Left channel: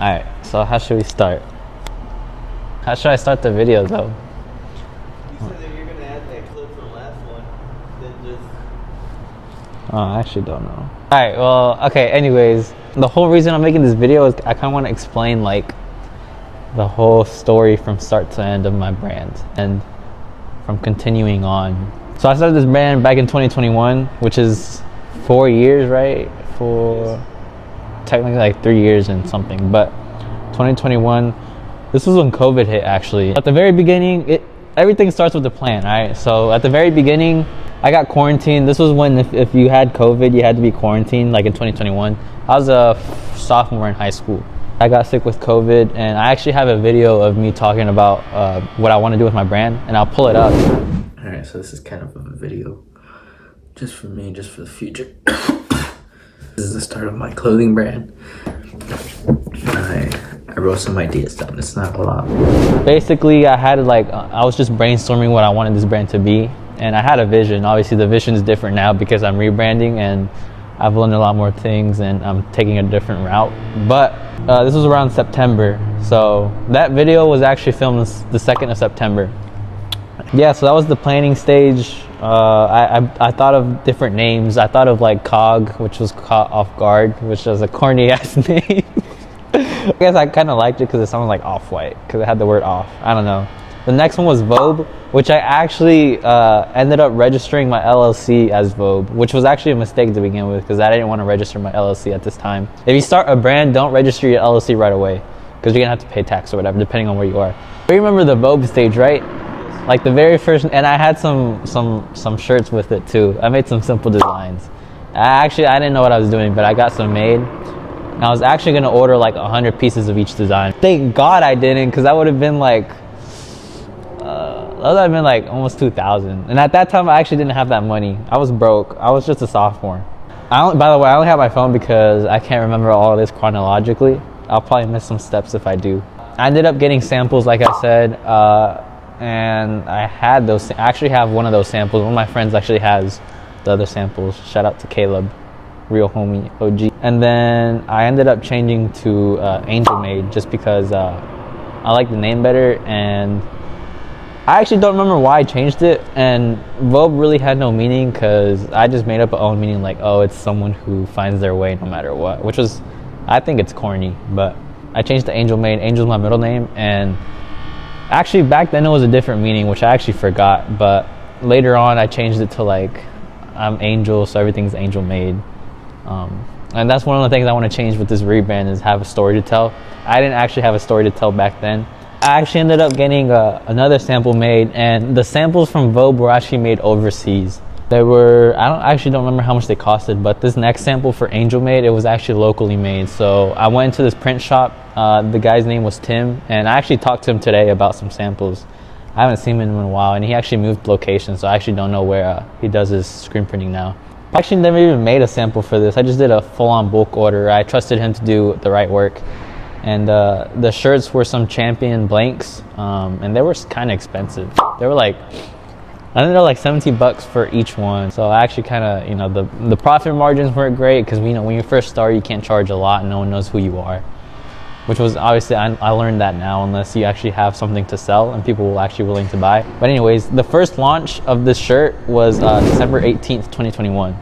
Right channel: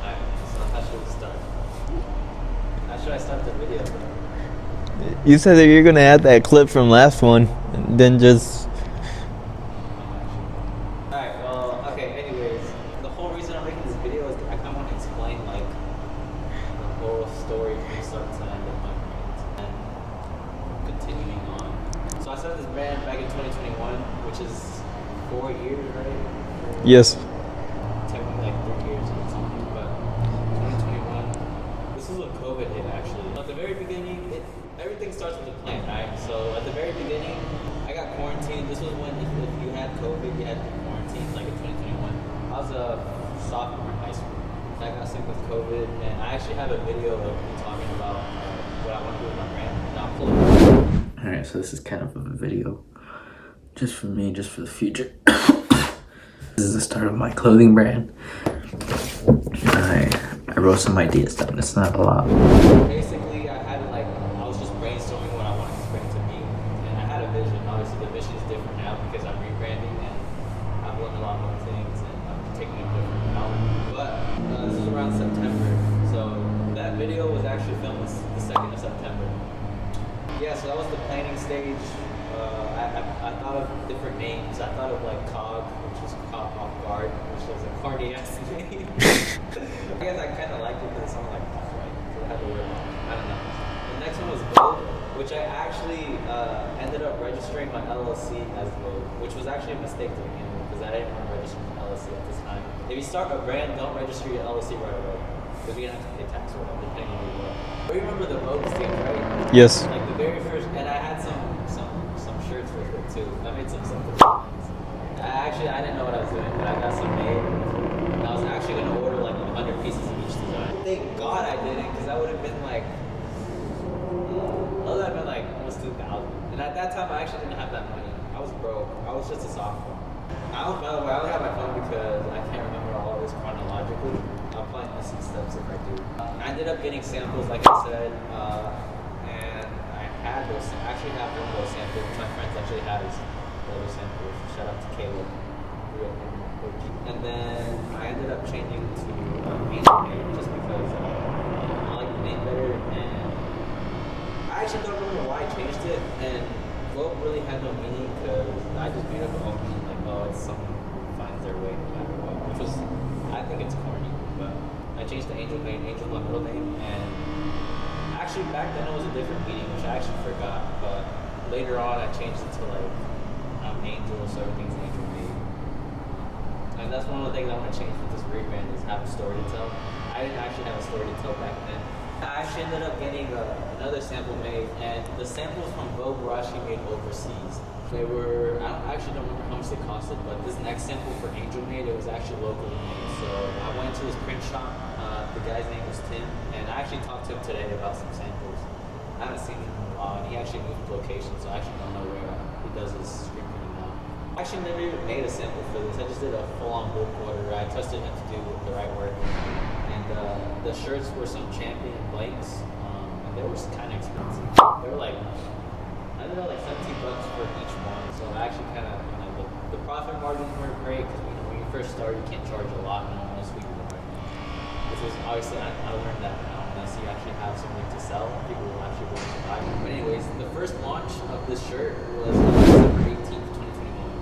Alright, so how should we start? How should I start the video though? You said that you're gonna add that clip from last one, then just... Oh, I actually don't know. Alright, well, okay, anyways. The whole reason I'm making this video is I kinda wanna explain like the whole story from start to end of my brand and from continuing on. So I started this brand back in 2021, which is 4 years, right? Yes. Technically like 3 years and something, but 2021, this was when COVID hit actually. At the very beginning, everything starts with a plan, right? So at the very beginning, I got quarantined. This was when if you had COVID, you had to be quarantined, like in 2021. I was a sophomore in high school. I got sick with COVID, and I actually have a video of me talking about what I want to do with my brand, and I'll pull it up. All right, so this is kind of a video just for me, just for the future. This is the start of my clothing brand. I wrote some ideas down. It's not a lot. Basically, I was just brainstorming what I wanted this brand to be, and I had a vision. Obviously, the vision is different now because I'm rebranding and I've learned a lot more things and I'm taking a different route. But this was around September, so that video was actually filmed the 2nd of September. Yeah, so that was the planning stage. I thought of different names. I thought of like COG, which was caught off guard, which was a corny ass name. I guess I kind of liked it because it sounded like off-white, because it had the word off. I don't know. The next one was Vogue, which I actually ended up registering my LLC as Vogue, which was actually a mistake to begin with because I didn't want to register my LLC at this time. If you start a brand, don't register your LLC right away because you're gonna have to pay tax or whatever, depending on where you are. You remember the Vogue stage, right? Yes. Like the very first, and I had some shirts with it too. I made some simple designs. I didn't know what I was doing, but I got some made. And I was actually gonna order like 100 pieces of each design. Thank God I didn't, because that would have been like, almost 2,000. And at that time, I actually didn't have that money. I was broke. I was just a sophomore. By the way, I only have my phone because I can't remember all of this chronologically. I'll probably miss some steps if I do. I ended up getting samples, like I said, and I had those. I actually have one of those samples. One of my friends actually has the other samples. Shout out to Caleb, real homie, OG. And then I ended up changing to ANGELMADE just because I like the name better, and I actually don't remember why I changed it. And Vogue really had no meaning because I just made up my own meaning, like, oh, it's someone who finds their way no matter what, which was, I think it's corny, but I changed to ANGELMADE. Angel's my middle name, and actually back then it was a different meaning, which I actually forgot, but later on I changed it to like, I'm Angel, so everything's ANGELMADE. And that's one of the things I want to change with this rebrand, is have a story to tell. I didn't actually have a story to tell back then. I actually ended up getting another sample made, and the samples from Vogue were actually made overseas. They were, I actually don't remember how much they costed, but this next sample for ANGELMADE, it was actually locally made. So I went into this print shop. The guy's name was Tim, and I actually talked to him today about some samples. I haven't seen him in a while, and he actually moved locations, so I actually don't know where he does his screen printing now. I actually never even made a sample for this. I just did a full-on bulk order. I trusted him to do the right work. And the shirts were some Champion blanks, and they were kind of expensive. They were like, I think they're like $17 for each one. So I actually kind of, you know, the profit margins weren't great because, you know, when you first start, you can't charge a lot and no one knows who you are. Which was obviously, I learned that now, unless you actually have something to sell and people will actually willing to buy. But anyways, the first launch of this shirt was December 18th, 2021.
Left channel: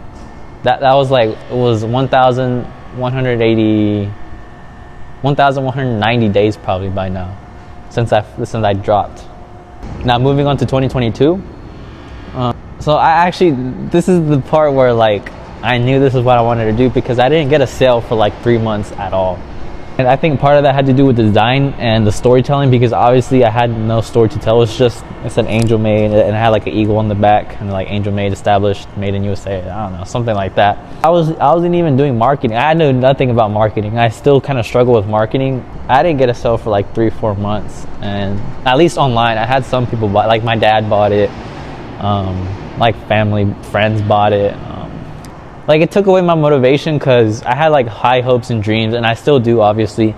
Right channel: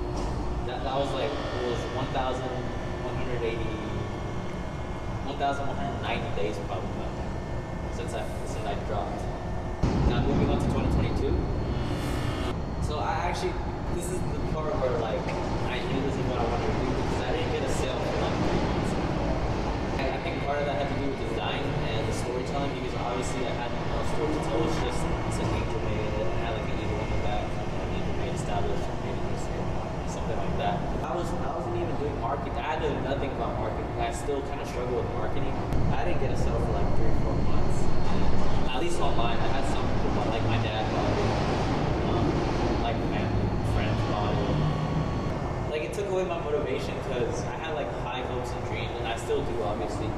That was like, it was 1,190 days probably by now since I dropped. Now moving on to 2022. So this is the part where like I knew this is what I wanted to do because I didn't get a sale for like 3 months at all. And I think part of that had to do with the design and the storytelling, because obviously I had no story to tell. It said ANGELMADE, and it had like an eagle on the back and like ANGELMADE established, made in USA. I don't know, something like that. I wasn't even doing marketing. I knew nothing about marketing. I still kind of struggle with marketing. I didn't get a sale for like 3-4 months, and at least online, I had some people buy. Like my dad bought it, like family, friends bought it. Like it took away my motivation because I had like high hopes and dreams, and I still do obviously,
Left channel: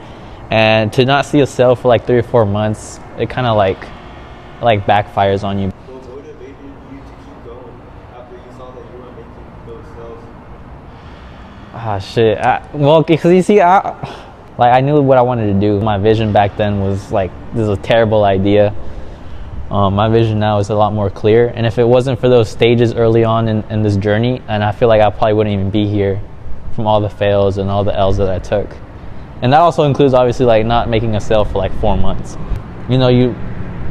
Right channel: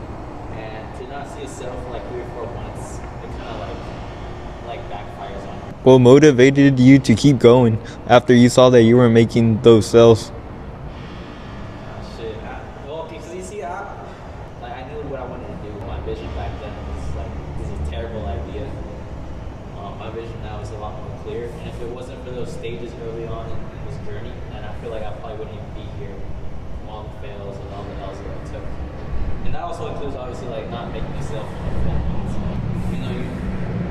and to not see a sale for like 3 or 4 months, it kind of like backfires on you. What motivated you to keep going after you saw that you were making those sales? Ah, shit. Well, because you see, Like, I knew what I wanted to do. My vision back then was like, this is a terrible idea. My vision now is a lot more clear. And if it wasn't for those stages early on in this journey, and I feel like I probably wouldn't even be here from all the fails and all the L's that I took. And that also includes obviously like not making a sale for like 4 months. You know, you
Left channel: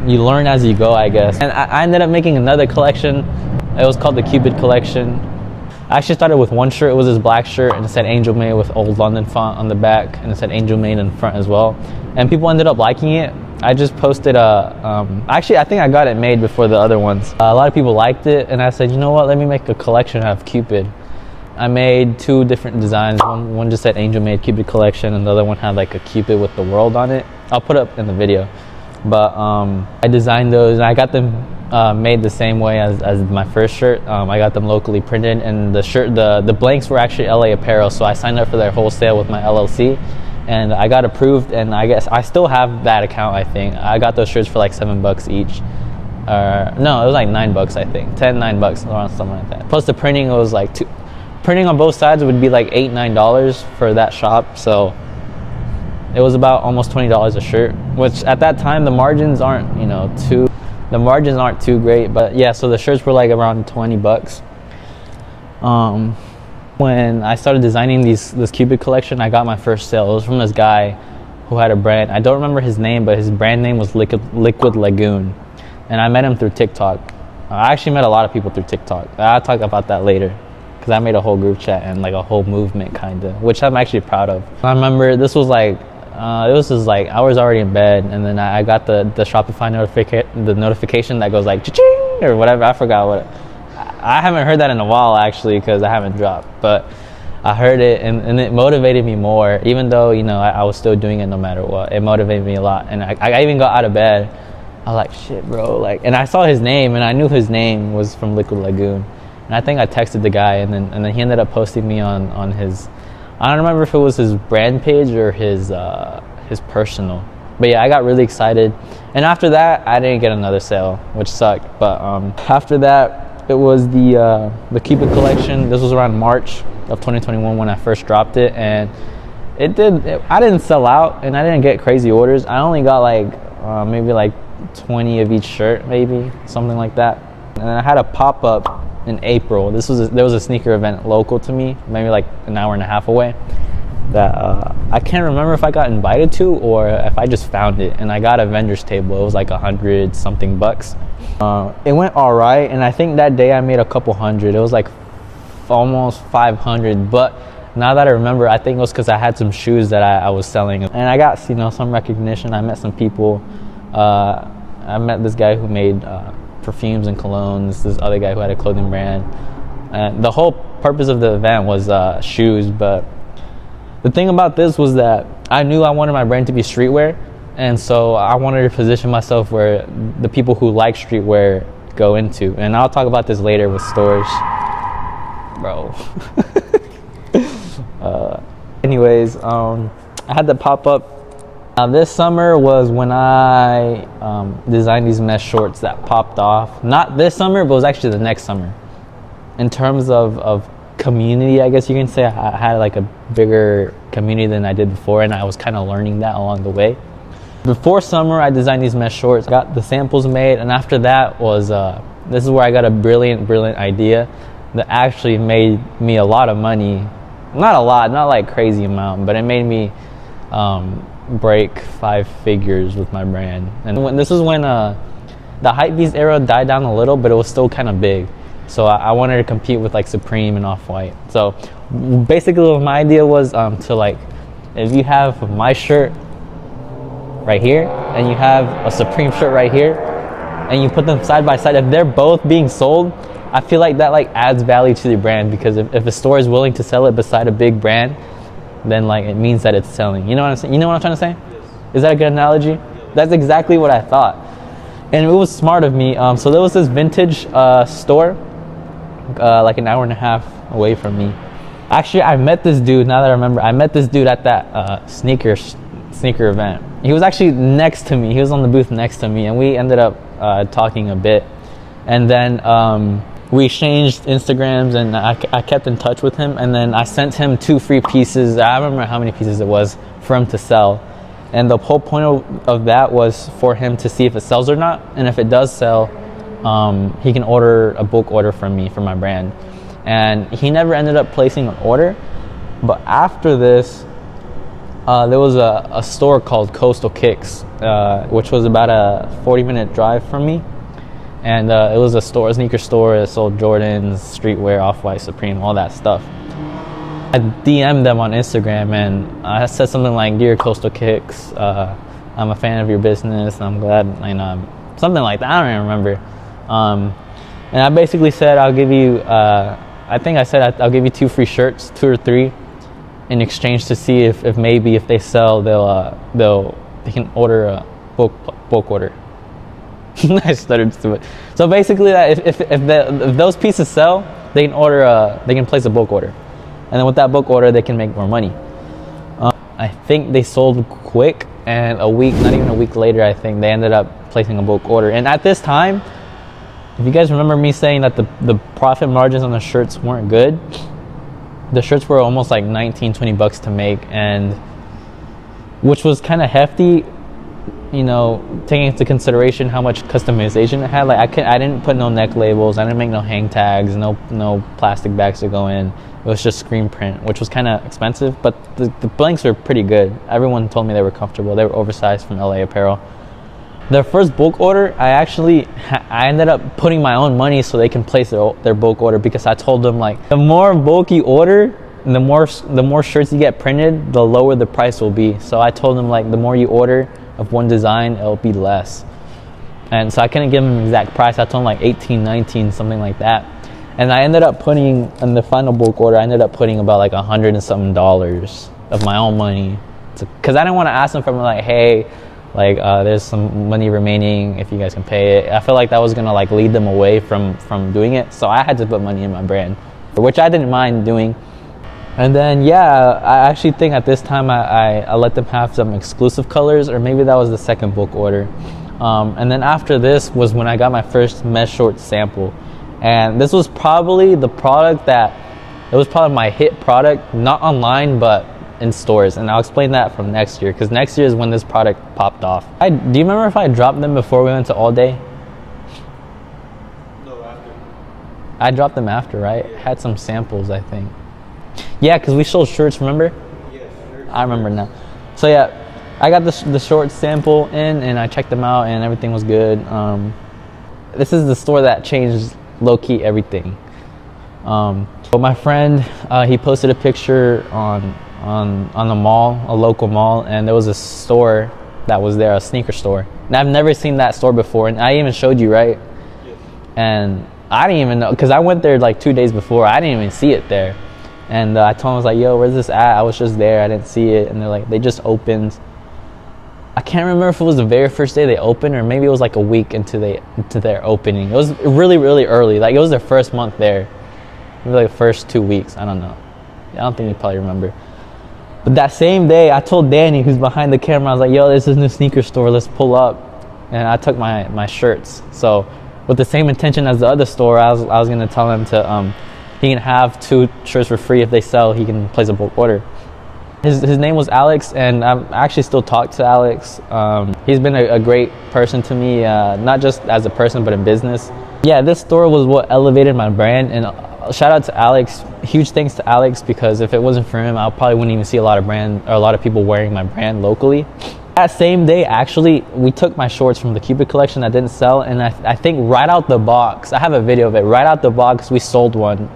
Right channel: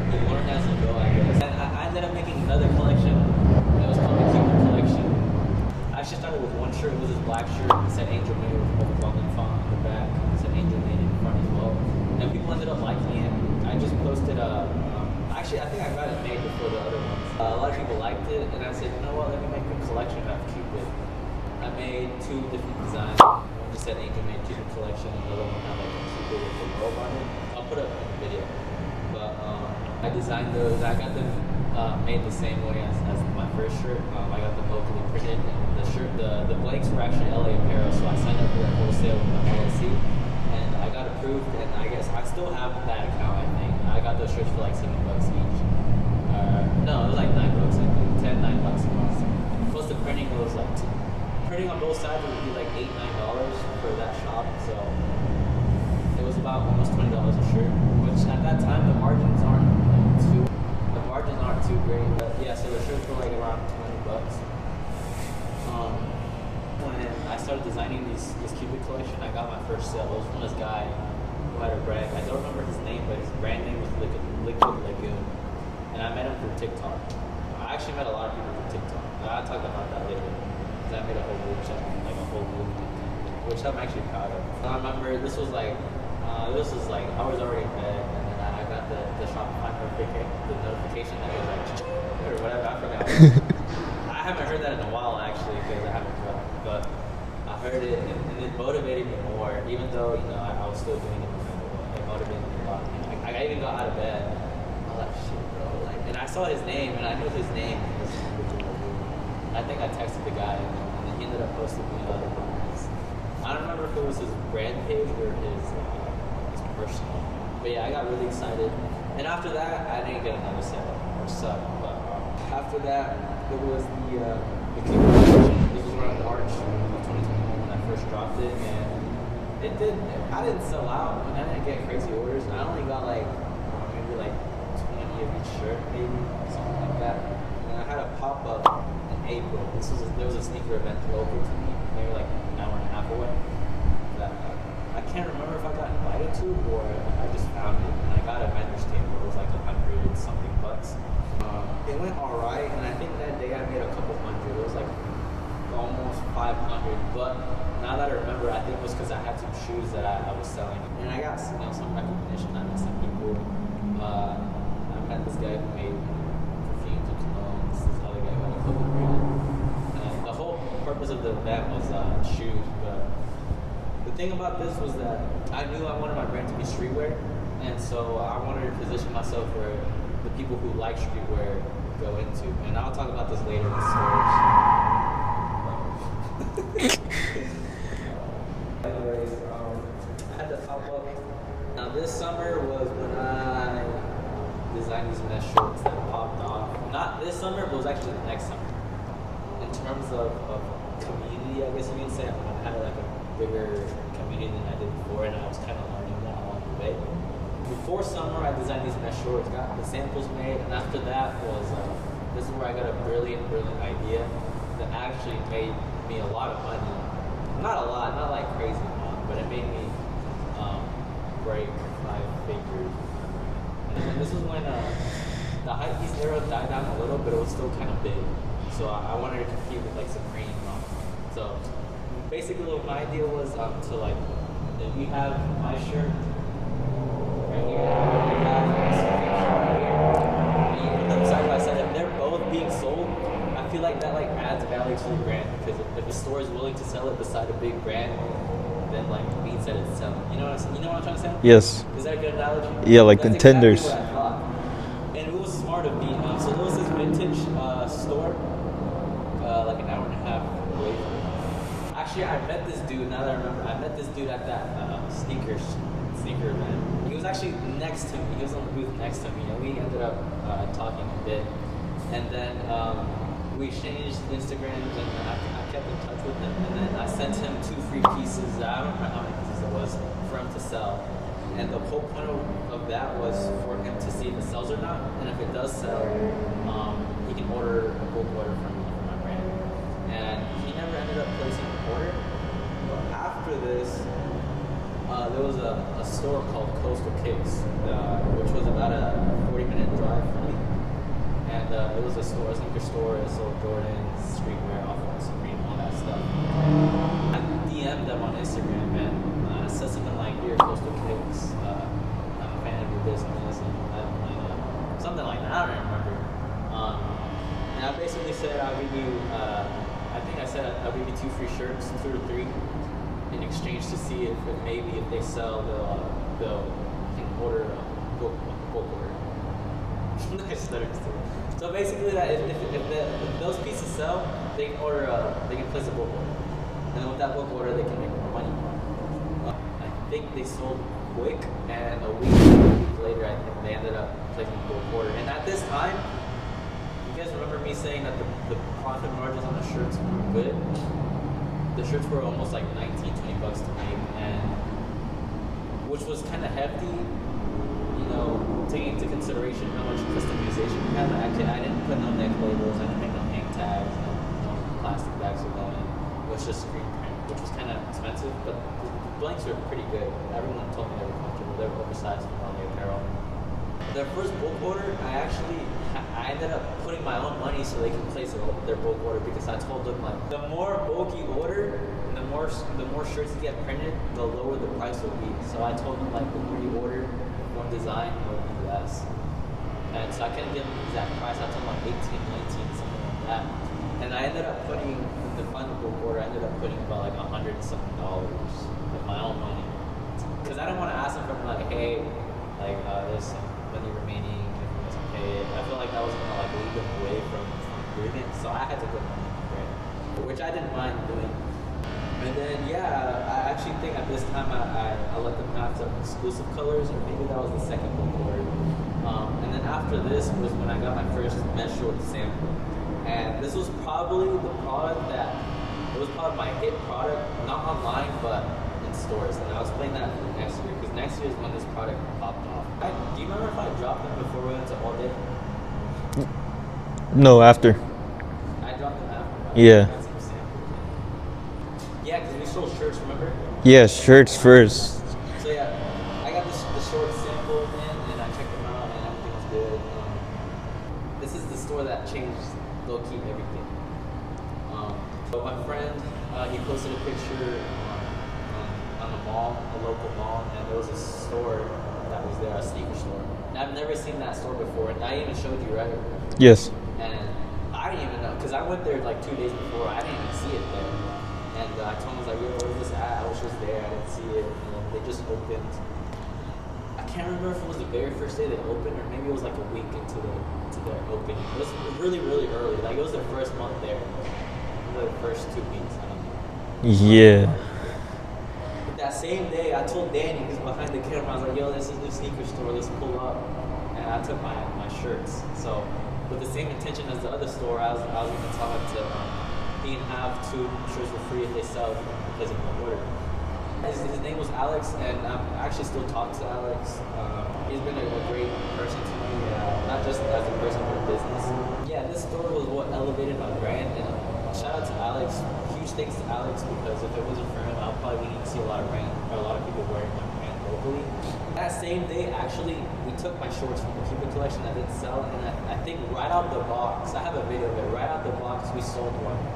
learn as you go, I guess. And I ended up making another collection. It was called the Cupid collection. I actually started with one shirt. It was this black shirt and it said Angel Made with Old London font on the back, and it said Angel Made in front as well. And people ended up liking it. I just posted actually I think I got it made before the other ones. A lot of people liked it, and I said, you know what, let me make a collection out of Cupid. I made 2 different designs. One just said Angel Made Cupid collection, and the other one had like a Cupid with the world on it. I'll put it up in the video. But I designed those, and I got them made the same way as my first shirt. I got them locally printed, and the blanks were actually LA Apparel, so I signed up for their wholesale with my LLC, and I got approved, and I guess I still have that account. I think I got those shirts for like $7 each. No, it was like $9, I think. $9, around something like that. Plus the printing was like printing on both sides would be like $8-9 for that shop, so it was about almost $20 a shirt, which at that time the margins aren't, you know, too great. But yeah, so the shirts were like around $20. When I started designing this Cupid collection, I got my first sale. It was from this guy who had a brand. I don't remember his name, but his brand name was Liquid Lagoon, and I met him through TikTok. I actually met a lot of people through TikTok. I'll talk about that later, because I made a whole group chat and like a whole movement kind of, which I'm actually proud of. I remember this was like it was just like I was already in bed, and then I got the Shopify notification that goes like cha-ching or whatever. I forgot what. I haven't heard that in a while actually, because I haven't dropped, but I heard it, and it motivated me more, even though, you know, I was still doing it no matter what. It motivated me a lot, and I even got out of bed. I was like, shit, bro, like, and I saw his name, and I knew his name was from Liquid Lagoon, and I think I texted the guy, and then he ended up posting me on his, I don't remember if it was his brand page or his personal, but yeah, I got really excited. And after that, I didn't get another sale, which sucked. But after that, it was the Cupid collection. This was around March of 2021 when I first dropped it, and I didn't sell out, and I didn't get crazy orders. I only got like maybe like 20 of each shirt, maybe something like that. And I had a pop-up in April. There was a sneaker event local to me, maybe like an hour and a half away, that I can't remember if I got invited to or if I just found it, and I got a vendor's table. It was like $100 something bucks. It went all right, and I think that day I made a couple hundred. It was like almost 500, but now that I remember, I think it was because I had some shoes that I was selling, and I got, you know, some recognition. I met some people. I met this guy who made perfumes and colognes, this other guy who had a clothing brand. The whole purpose of the event was shoes, but the thing about this was that I knew I wanted my brand to be streetwear, and so I wanted to position myself where the people who like streetwear go into. And I'll talk about this later with stores. Bro. Anyways, I had the pop-up. This summer was when I designed these mesh shorts that popped off. Not this summer, but it was actually the next summer. In terms of community, I guess you can say, I had like a bigger community than I did before, and I was kind of learning that along the way. Before summer, I designed these mesh shorts, got the samples made, and after that was, this is where I got a brilliant idea that actually made me a lot of money. Not a lot, not like crazy amount, but it made me break 5 figures with my brand. And this is when the hypebeast era died down a little, but it was still kind of big. So I wanted to compete with like Supreme and Off-White. So basically what my idea was to, like, if you have my shirt right here and you have a Supreme shirt right here and you put them side by side, if they're both being sold, I feel like that like adds value to the brand, because if a store is willing to sell it beside a big brand, then like it means that it's selling. You know what I'm saying? You know what I'm trying to say? Yes. Is that a good analogy? Yeah, like that's contenders. Exactly what I thought. And it was smart of me. So there was this vintage store like an hour and a half away from me. Actually, I met this dude, now that I remember, I met this dude at that sneaker event. He was actually next to me. He was on the booth next to me, and we ended up talking a bit. And then we exchanged Instagrams, and I kept in touch with him, and then I sent him 2 free pieces. I don't remember how many pieces it was for him to sell. And the whole point of that was for him to see if it sells or not. And if it does sell, he can order a bulk order from me for my brand. And he never ended up placing an order. But after this, there was a store called Coastal Kicks, which was about a 40-minute drive from me. And it was a sneaker store that sold Jordans, streetwear, Off-White, Supreme, all that stuff. I DM'd them on Instagram, and I said something like, "Dear Coastal Kicks, I'm a fan of your business, and I'm glad," something like that. I don't even remember. And I basically said, I'll give you, I think I said I'll give you 2 free shirts, 2 or 3, in exchange to see if maybe if they sell, they can order a bulk order. I stuttered to it. So basically, that if those pieces sell, they can place a bulk order, and then with that bulk order, they can make more money. I think they sold quick, and not even a week later, I think they ended up placing a bulk order. And at this time, if you guys remember me saying that the profit margins on the shirts weren't good, the shirts were almost like 19-20 bucks to make, and which was kind of hefty, taking into consideration how much customization it had. Like I didn't put no neck labels, I didn't make no hang tags, no plastic bags to go in. It was just screen print, which was kind of expensive, but the blanks were pretty good. Everyone told me they were comfortable. They were oversized from LA Apparel. Their first bulk order, I ended up putting my own money so they can place their bulk order, because I told them, like, the more bulk you order, the more shirts you get printed, the lower the price will be. So I told them, like, the more you order of one design, it'll be less. And so I couldn't give them an exact price. I told them like 18, 19, something like that. And I ended up putting, in the final bulk order, I ended up putting about like $100 and something of my own money. Because I didn't want to ask them for, like, hey, like, there's some money remaining if you guys can pay it. I felt like that was gonna like lead them away from doing it. So I had to put money in my brand, which I didn't mind doing. And then, yeah, I actually think at this time I let them have some exclusive colors, or maybe that was the second bulk order. And then after this was when I got my first mesh short sample. And this was probably it was probably my hit product, not online, but in stores. And I'll explain that from next year, because next year is when this product popped off. Do you remember if I dropped them before we went to All Day? No, after. I dropped them after, right? Yeah. I had some samples, I think. Yeah, because we sold shirts, remember? Yeah, shirts I first. remember now. So yeah, I got the short sample in, and I checked them out, and everything was good. This is the store that changed low-key everything. But my friend, he posted a picture on the mall, a local mall, and there was a store that was there, a sneaker store. And I've never seen that store before, and I even showed you, right? Yes. And I didn't even know, because I went there like 2 days before. I didn't even see it there. And I told him, I was like, yo, where's this at? I was just there, I didn't see it. And they're like, they just opened. I can't remember if it was the very first day they opened, or maybe it was like a week into their opening. It was really, really early. Like, it was their first month there. Maybe like the first 2 weeks, I don't know. I don't think you probably remember. But that same day, I told Danny, who's behind the camera, I was like, yo, this is a new sneaker store, let's pull up. And I took my shirts. So with the same intention as the other store, I was gonna tell them to, he can have 2 shirts for free. If they sell, he can place a bulk order. His name was Alex, and I actually still talk to Alex. He's been a great person to me, not just as a person, but in business. Yeah, this store was what elevated my brand, and shout out to Alex. Huge thanks to Alex, because if it wasn't for him, I probably wouldn't even see a lot of people wearing my brand locally. That same day, actually, we took my shorts from the Cupid collection that didn't sell, and I think right out the box, I have a video of it, right out the box, we sold one.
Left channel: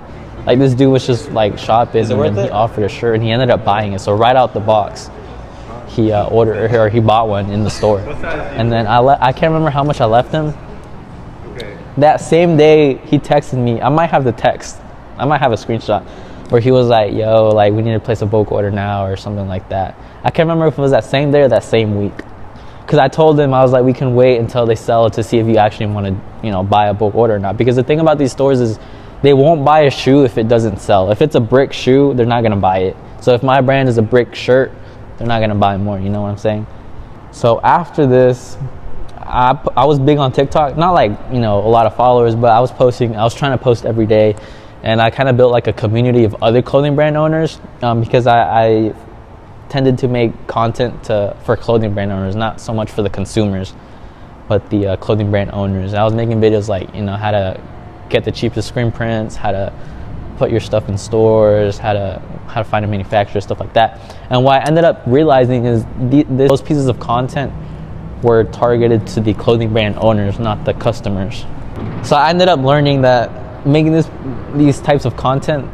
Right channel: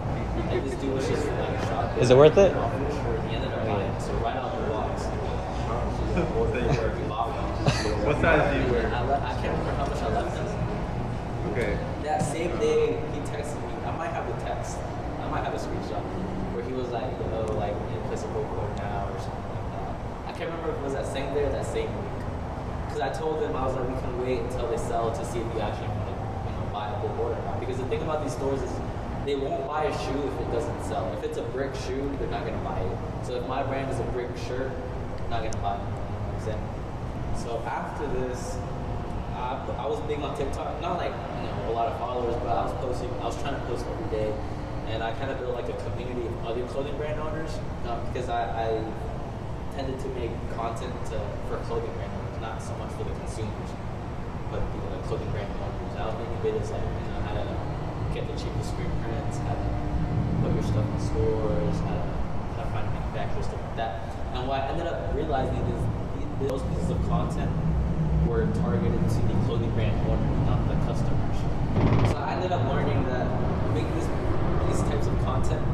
Like, this dude was just like shopping. Is it worth it? He offered a shirt, and he ended up buying it. So right out the box, he he bought one in the store. And then I can't remember how much I left him. Okay. That same day, he texted me. I might have the text. I might have a screenshot where he was like, yo, like, we need to place a bulk order now, or something like that. I can't remember if it was that same day or that same week. Because I told him, I was like, we can wait until they sell to see if you actually want to, buy a bulk order or not. Because the thing about these stores is they won't buy a shoe if it doesn't sell. If it's a brick shoe, they're not going to buy it. So if my brand is a brick shirt, they're not going to buy more. You know what I'm saying? So after this, I was big on TikTok, not like, you know, a lot of followers, but I was trying to post every day, and I kind of built like a community of other clothing brand owners, because I tended to make content for clothing brand owners, not so much for the consumers, but the clothing brand owners. I was making videos like, you know, how to get the cheapest screen prints, how to put your stuff in stores, how to find a manufacturer, stuff like that. And what I ended up realizing is those pieces of content were targeted to the clothing brand owners, not the customers. So I ended up learning that making these types of content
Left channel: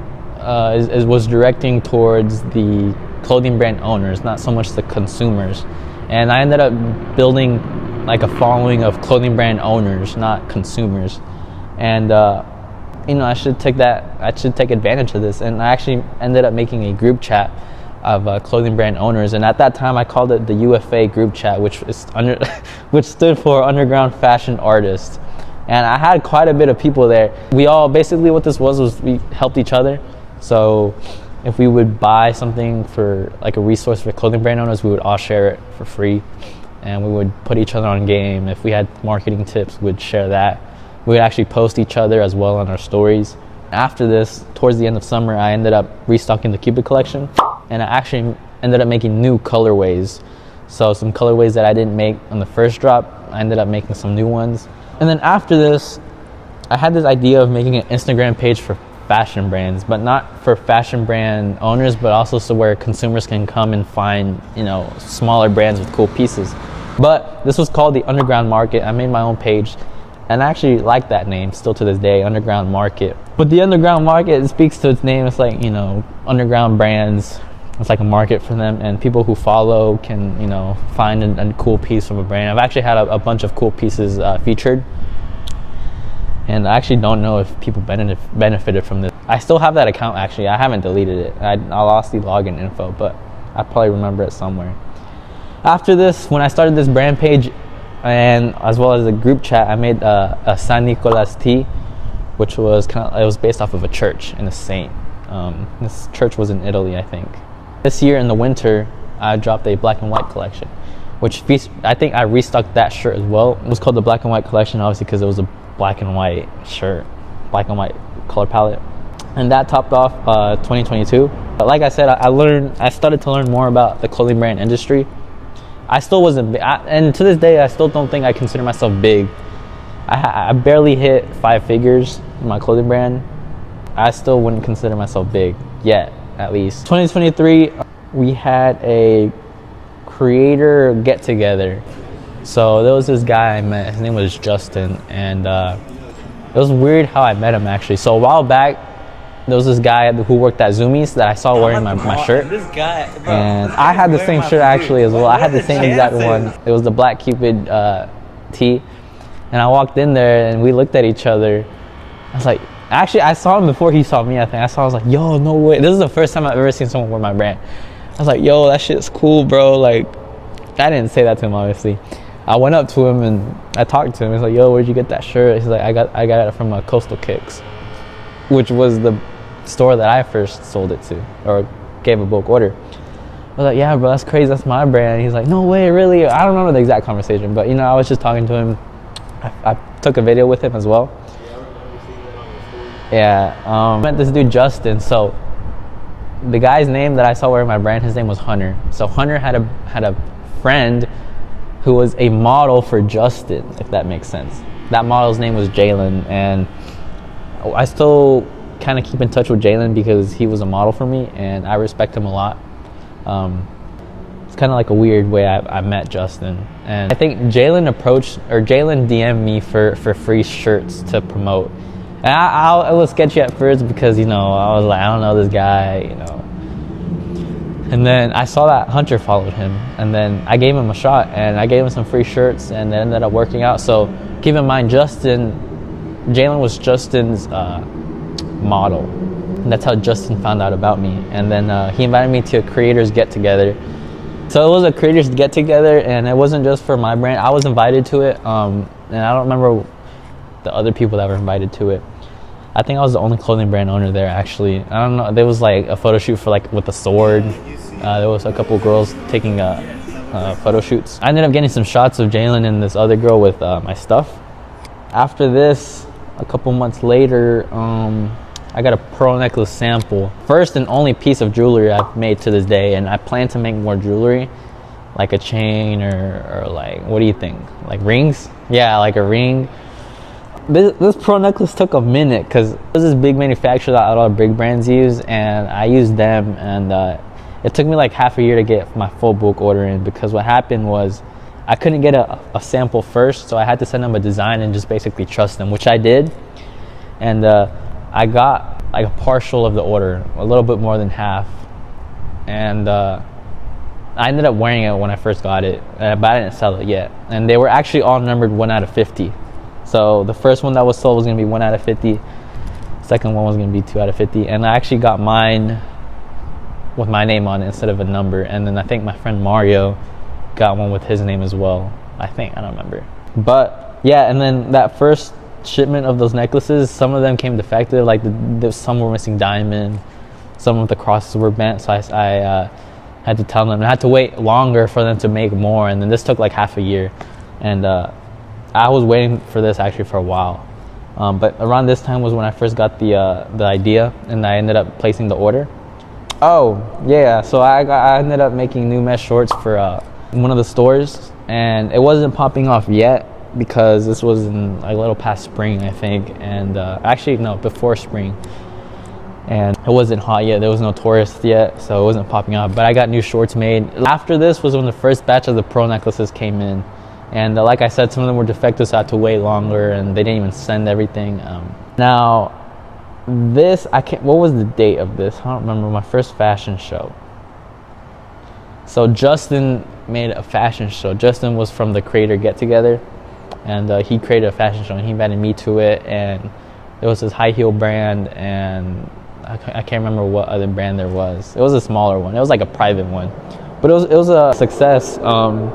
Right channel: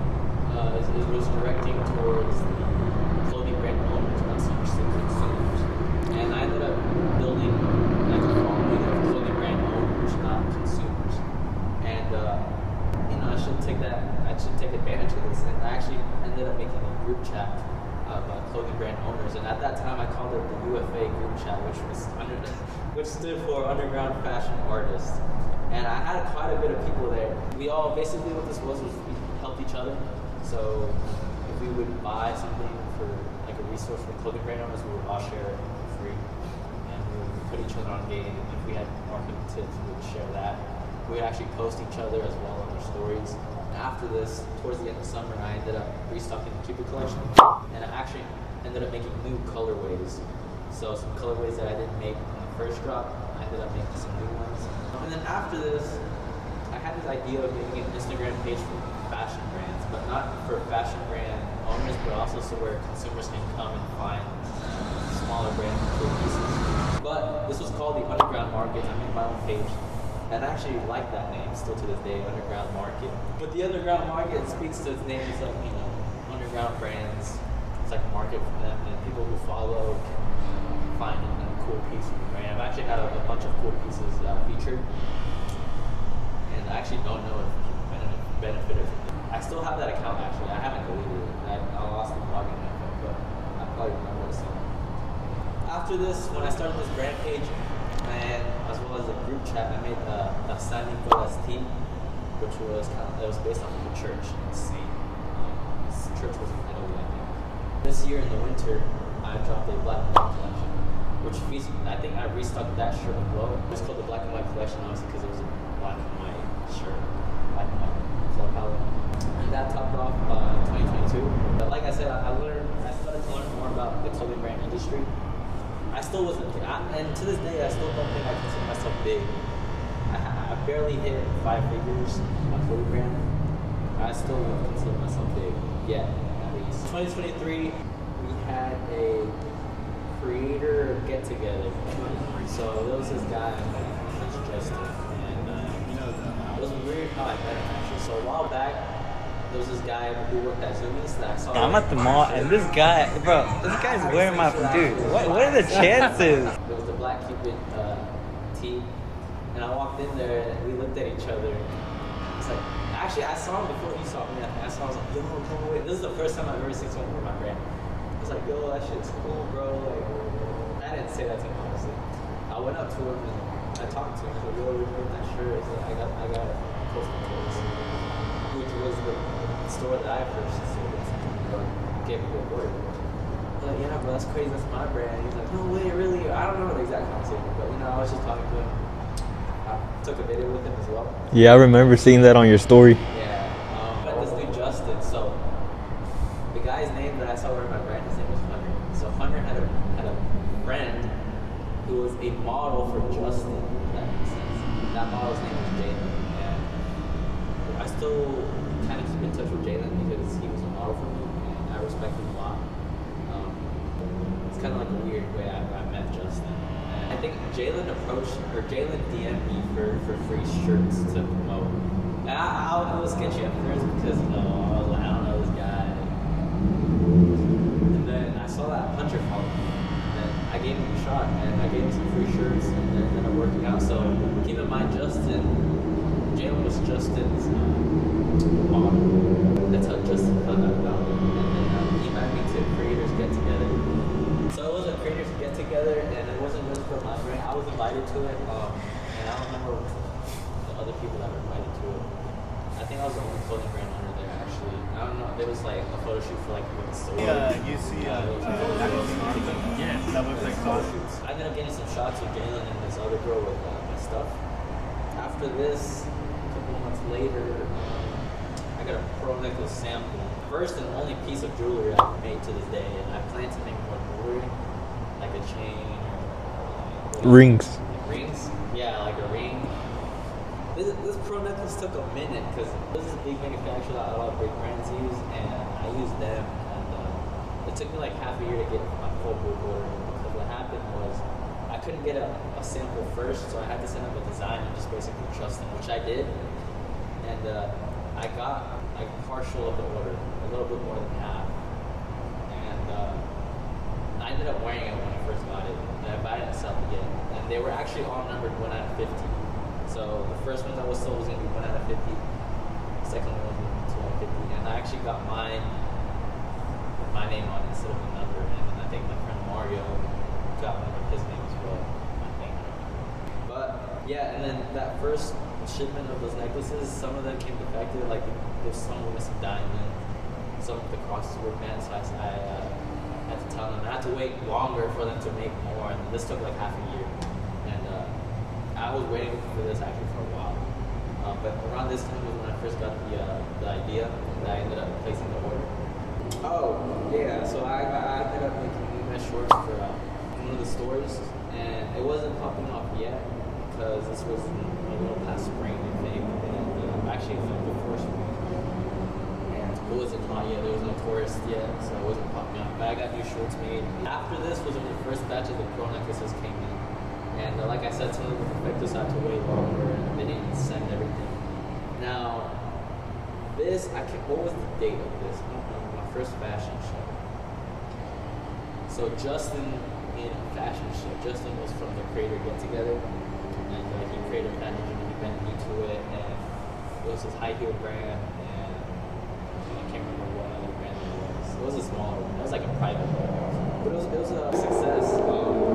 was directing towards the clothing brand owners, not so much the consumers. And I ended up building like a following of clothing brand owners, not consumers. And you know, I should take advantage of this. And I actually ended up making a group chat of clothing brand owners, and at that time I called it the UFA group chat, which stood for Underground Fashion Artists. And I had quite a bit of people there. We all, basically what this was we helped each other. So if we would buy something for like a resource for clothing brand owners, we would all share it for free, and we would put each other on game. If we had marketing tips, we'd share that. We would actually post each other as well on our stories. After this, towards the end of summer, I ended up restocking the Cupid collection, and I actually ended up making new colorways. So some colorways that I didn't make on the first drop, I ended up making some new ones. And then after this, I had this idea of making an Instagram page for fashion brands, but not for fashion brand owners, but also so where consumers can come and find, you know, smaller brands with cool pieces. But this was called the Underground Market. I made my own page, and I actually like that name still to this day, Underground Market. But the Underground Market, it speaks to its name. It's like, you know, underground brands. It's like a market for them, and people who follow can, you know, find a cool piece from a brand. I've actually had a bunch of cool pieces featured, and I actually don't know if people benefited from this. I still have that account, actually. I haven't deleted it. I lost the login info, but I probably remember it somewhere. After this, when I started this brand page, and as well as the group chat, I made a San Nicolas tee, which was it was based off of a church and a saint. This church was in Italy, I think. This year in the winter, I dropped a black and white collection, which I think I restocked that shirt as well. It was called the black and white collection, obviously, because it was a black and white shirt, black and white color palette. And that topped off 2022. But like I said, I started to learn more about the clothing brand industry. I still wasn't big, and to this day, I still don't think I consider myself big. I barely hit 5 figures in my clothing brand. I still wouldn't consider myself big yet, at least. 2023, we had a creator get together. So there was this guy I met, his name was Justin, and it was weird how I met him, actually. So a while back, there was this guy who worked at Zoomies that I saw wearing my shirt. This guy, bro. And I had the same shirt actually as well. I had the same exact one. It was the Black Cupid tee. And I walked in there and we looked at each other. I was like, actually, I saw him before he saw me, I think. I was like, yo, no way. This is the first time I've ever seen someone wear my brand. I was like, yo, that shit's cool, bro. Like, I didn't say that to him, obviously. I went up to him and I talked to him. He's like, yo, where'd you get that shirt? He's like, I got it from Coastal Kicks, which was the store that I first sold it to, or gave a bulk order. I was like, yeah, bro, that's crazy. That's my brand. And he's like, no way, really? I don't remember the exact conversation, but, you know, I was just talking to him. I took a video with him as well. Yeah, I remember seeing that on your story. Yeah, I met this dude, Justin. So the guy's name that I saw wearing my brand, his name was Hunter. So Hunter had a friend who was a model for Justin, if that makes sense. That model's name was Jalen, and I still kind of keep in touch with Jalen because he was a model for me, and I respect him a lot. It's kind of like a weird way I met Justin. And I think Jalen DM'd me for free shirts to promote. And I was sketchy at first because, you know, I was like, I don't know this guy, you know. And then I saw that Hunter followed him, and then I gave him a shot, and I gave him some free shirts, and it ended up working out. So keep in mind, Jalen was Justin's model. And that's how Justin found out about me. And then he invited me to a creators get together. So it was a creators get together, and it wasn't just for my brand. I was invited to it, and I don't remember the other people that were invited to it. I think I was the only clothing brand owner there, actually. I don't know. There was like a photo shoot for like with a sword. There was a couple girls taking photo shoots. I ended up getting some shots of Jalen and this other girl with my stuff. After this, a couple months later, I got a pearl necklace sample. First and only piece of jewelry I've made to this day, and I plan to make more jewelry, like a chain or like, what do you think? Like rings? Yeah, like a ring. This pearl necklace took a minute because there's this big manufacturer that a lot of big brands use, and I used them, and it took me like half a year to get my full bulk order in, because what happened was I couldn't get a sample first, so I had to send them a design and just basically trust them, which I did. And I got like a partial of the order, a little bit more than half, and I ended up wearing it when I first got it, but I didn't sell it yet. And they were actually all numbered 1 out of 50. So the first one that was sold was gonna be 1 out of 50. Second one was gonna be 2 out of 50. And I actually got mine with my name on it instead of a number. And then I think my friend Mario got one with his name as well. I think, I don't remember. But yeah, and then that first shipment of those necklaces, some of them came defective. Like some were missing diamond, some of the crosses were bent. So I had to tell them, and I had to wait longer for them to make more. And then this took like half a year. And I was waiting for this actually for a while, but around this time was when I first got the idea, and I ended up placing the order. Oh yeah, so I ended up making new mesh shorts for one of the stores, and it wasn't popping off yet because this was in a little past spring, I think, and actually no, before spring, and it wasn't hot yet. There was no tourists yet, so it wasn't popping off. But I got new shorts made. After this was when the first batch of the pearl necklaces came in. And like I said, some of them were defective, so I had to wait longer, and they didn't even send everything. Now, this, what was the date of this? I don't remember. My first fashion show. So Justin made a fashion show. Justin was from the Creator Get Together, and he created a fashion show, and he invited me to it, and it was his high heel brand, and I can't remember what other brand there was. It was a smaller one. It was like a private one. But it was a success.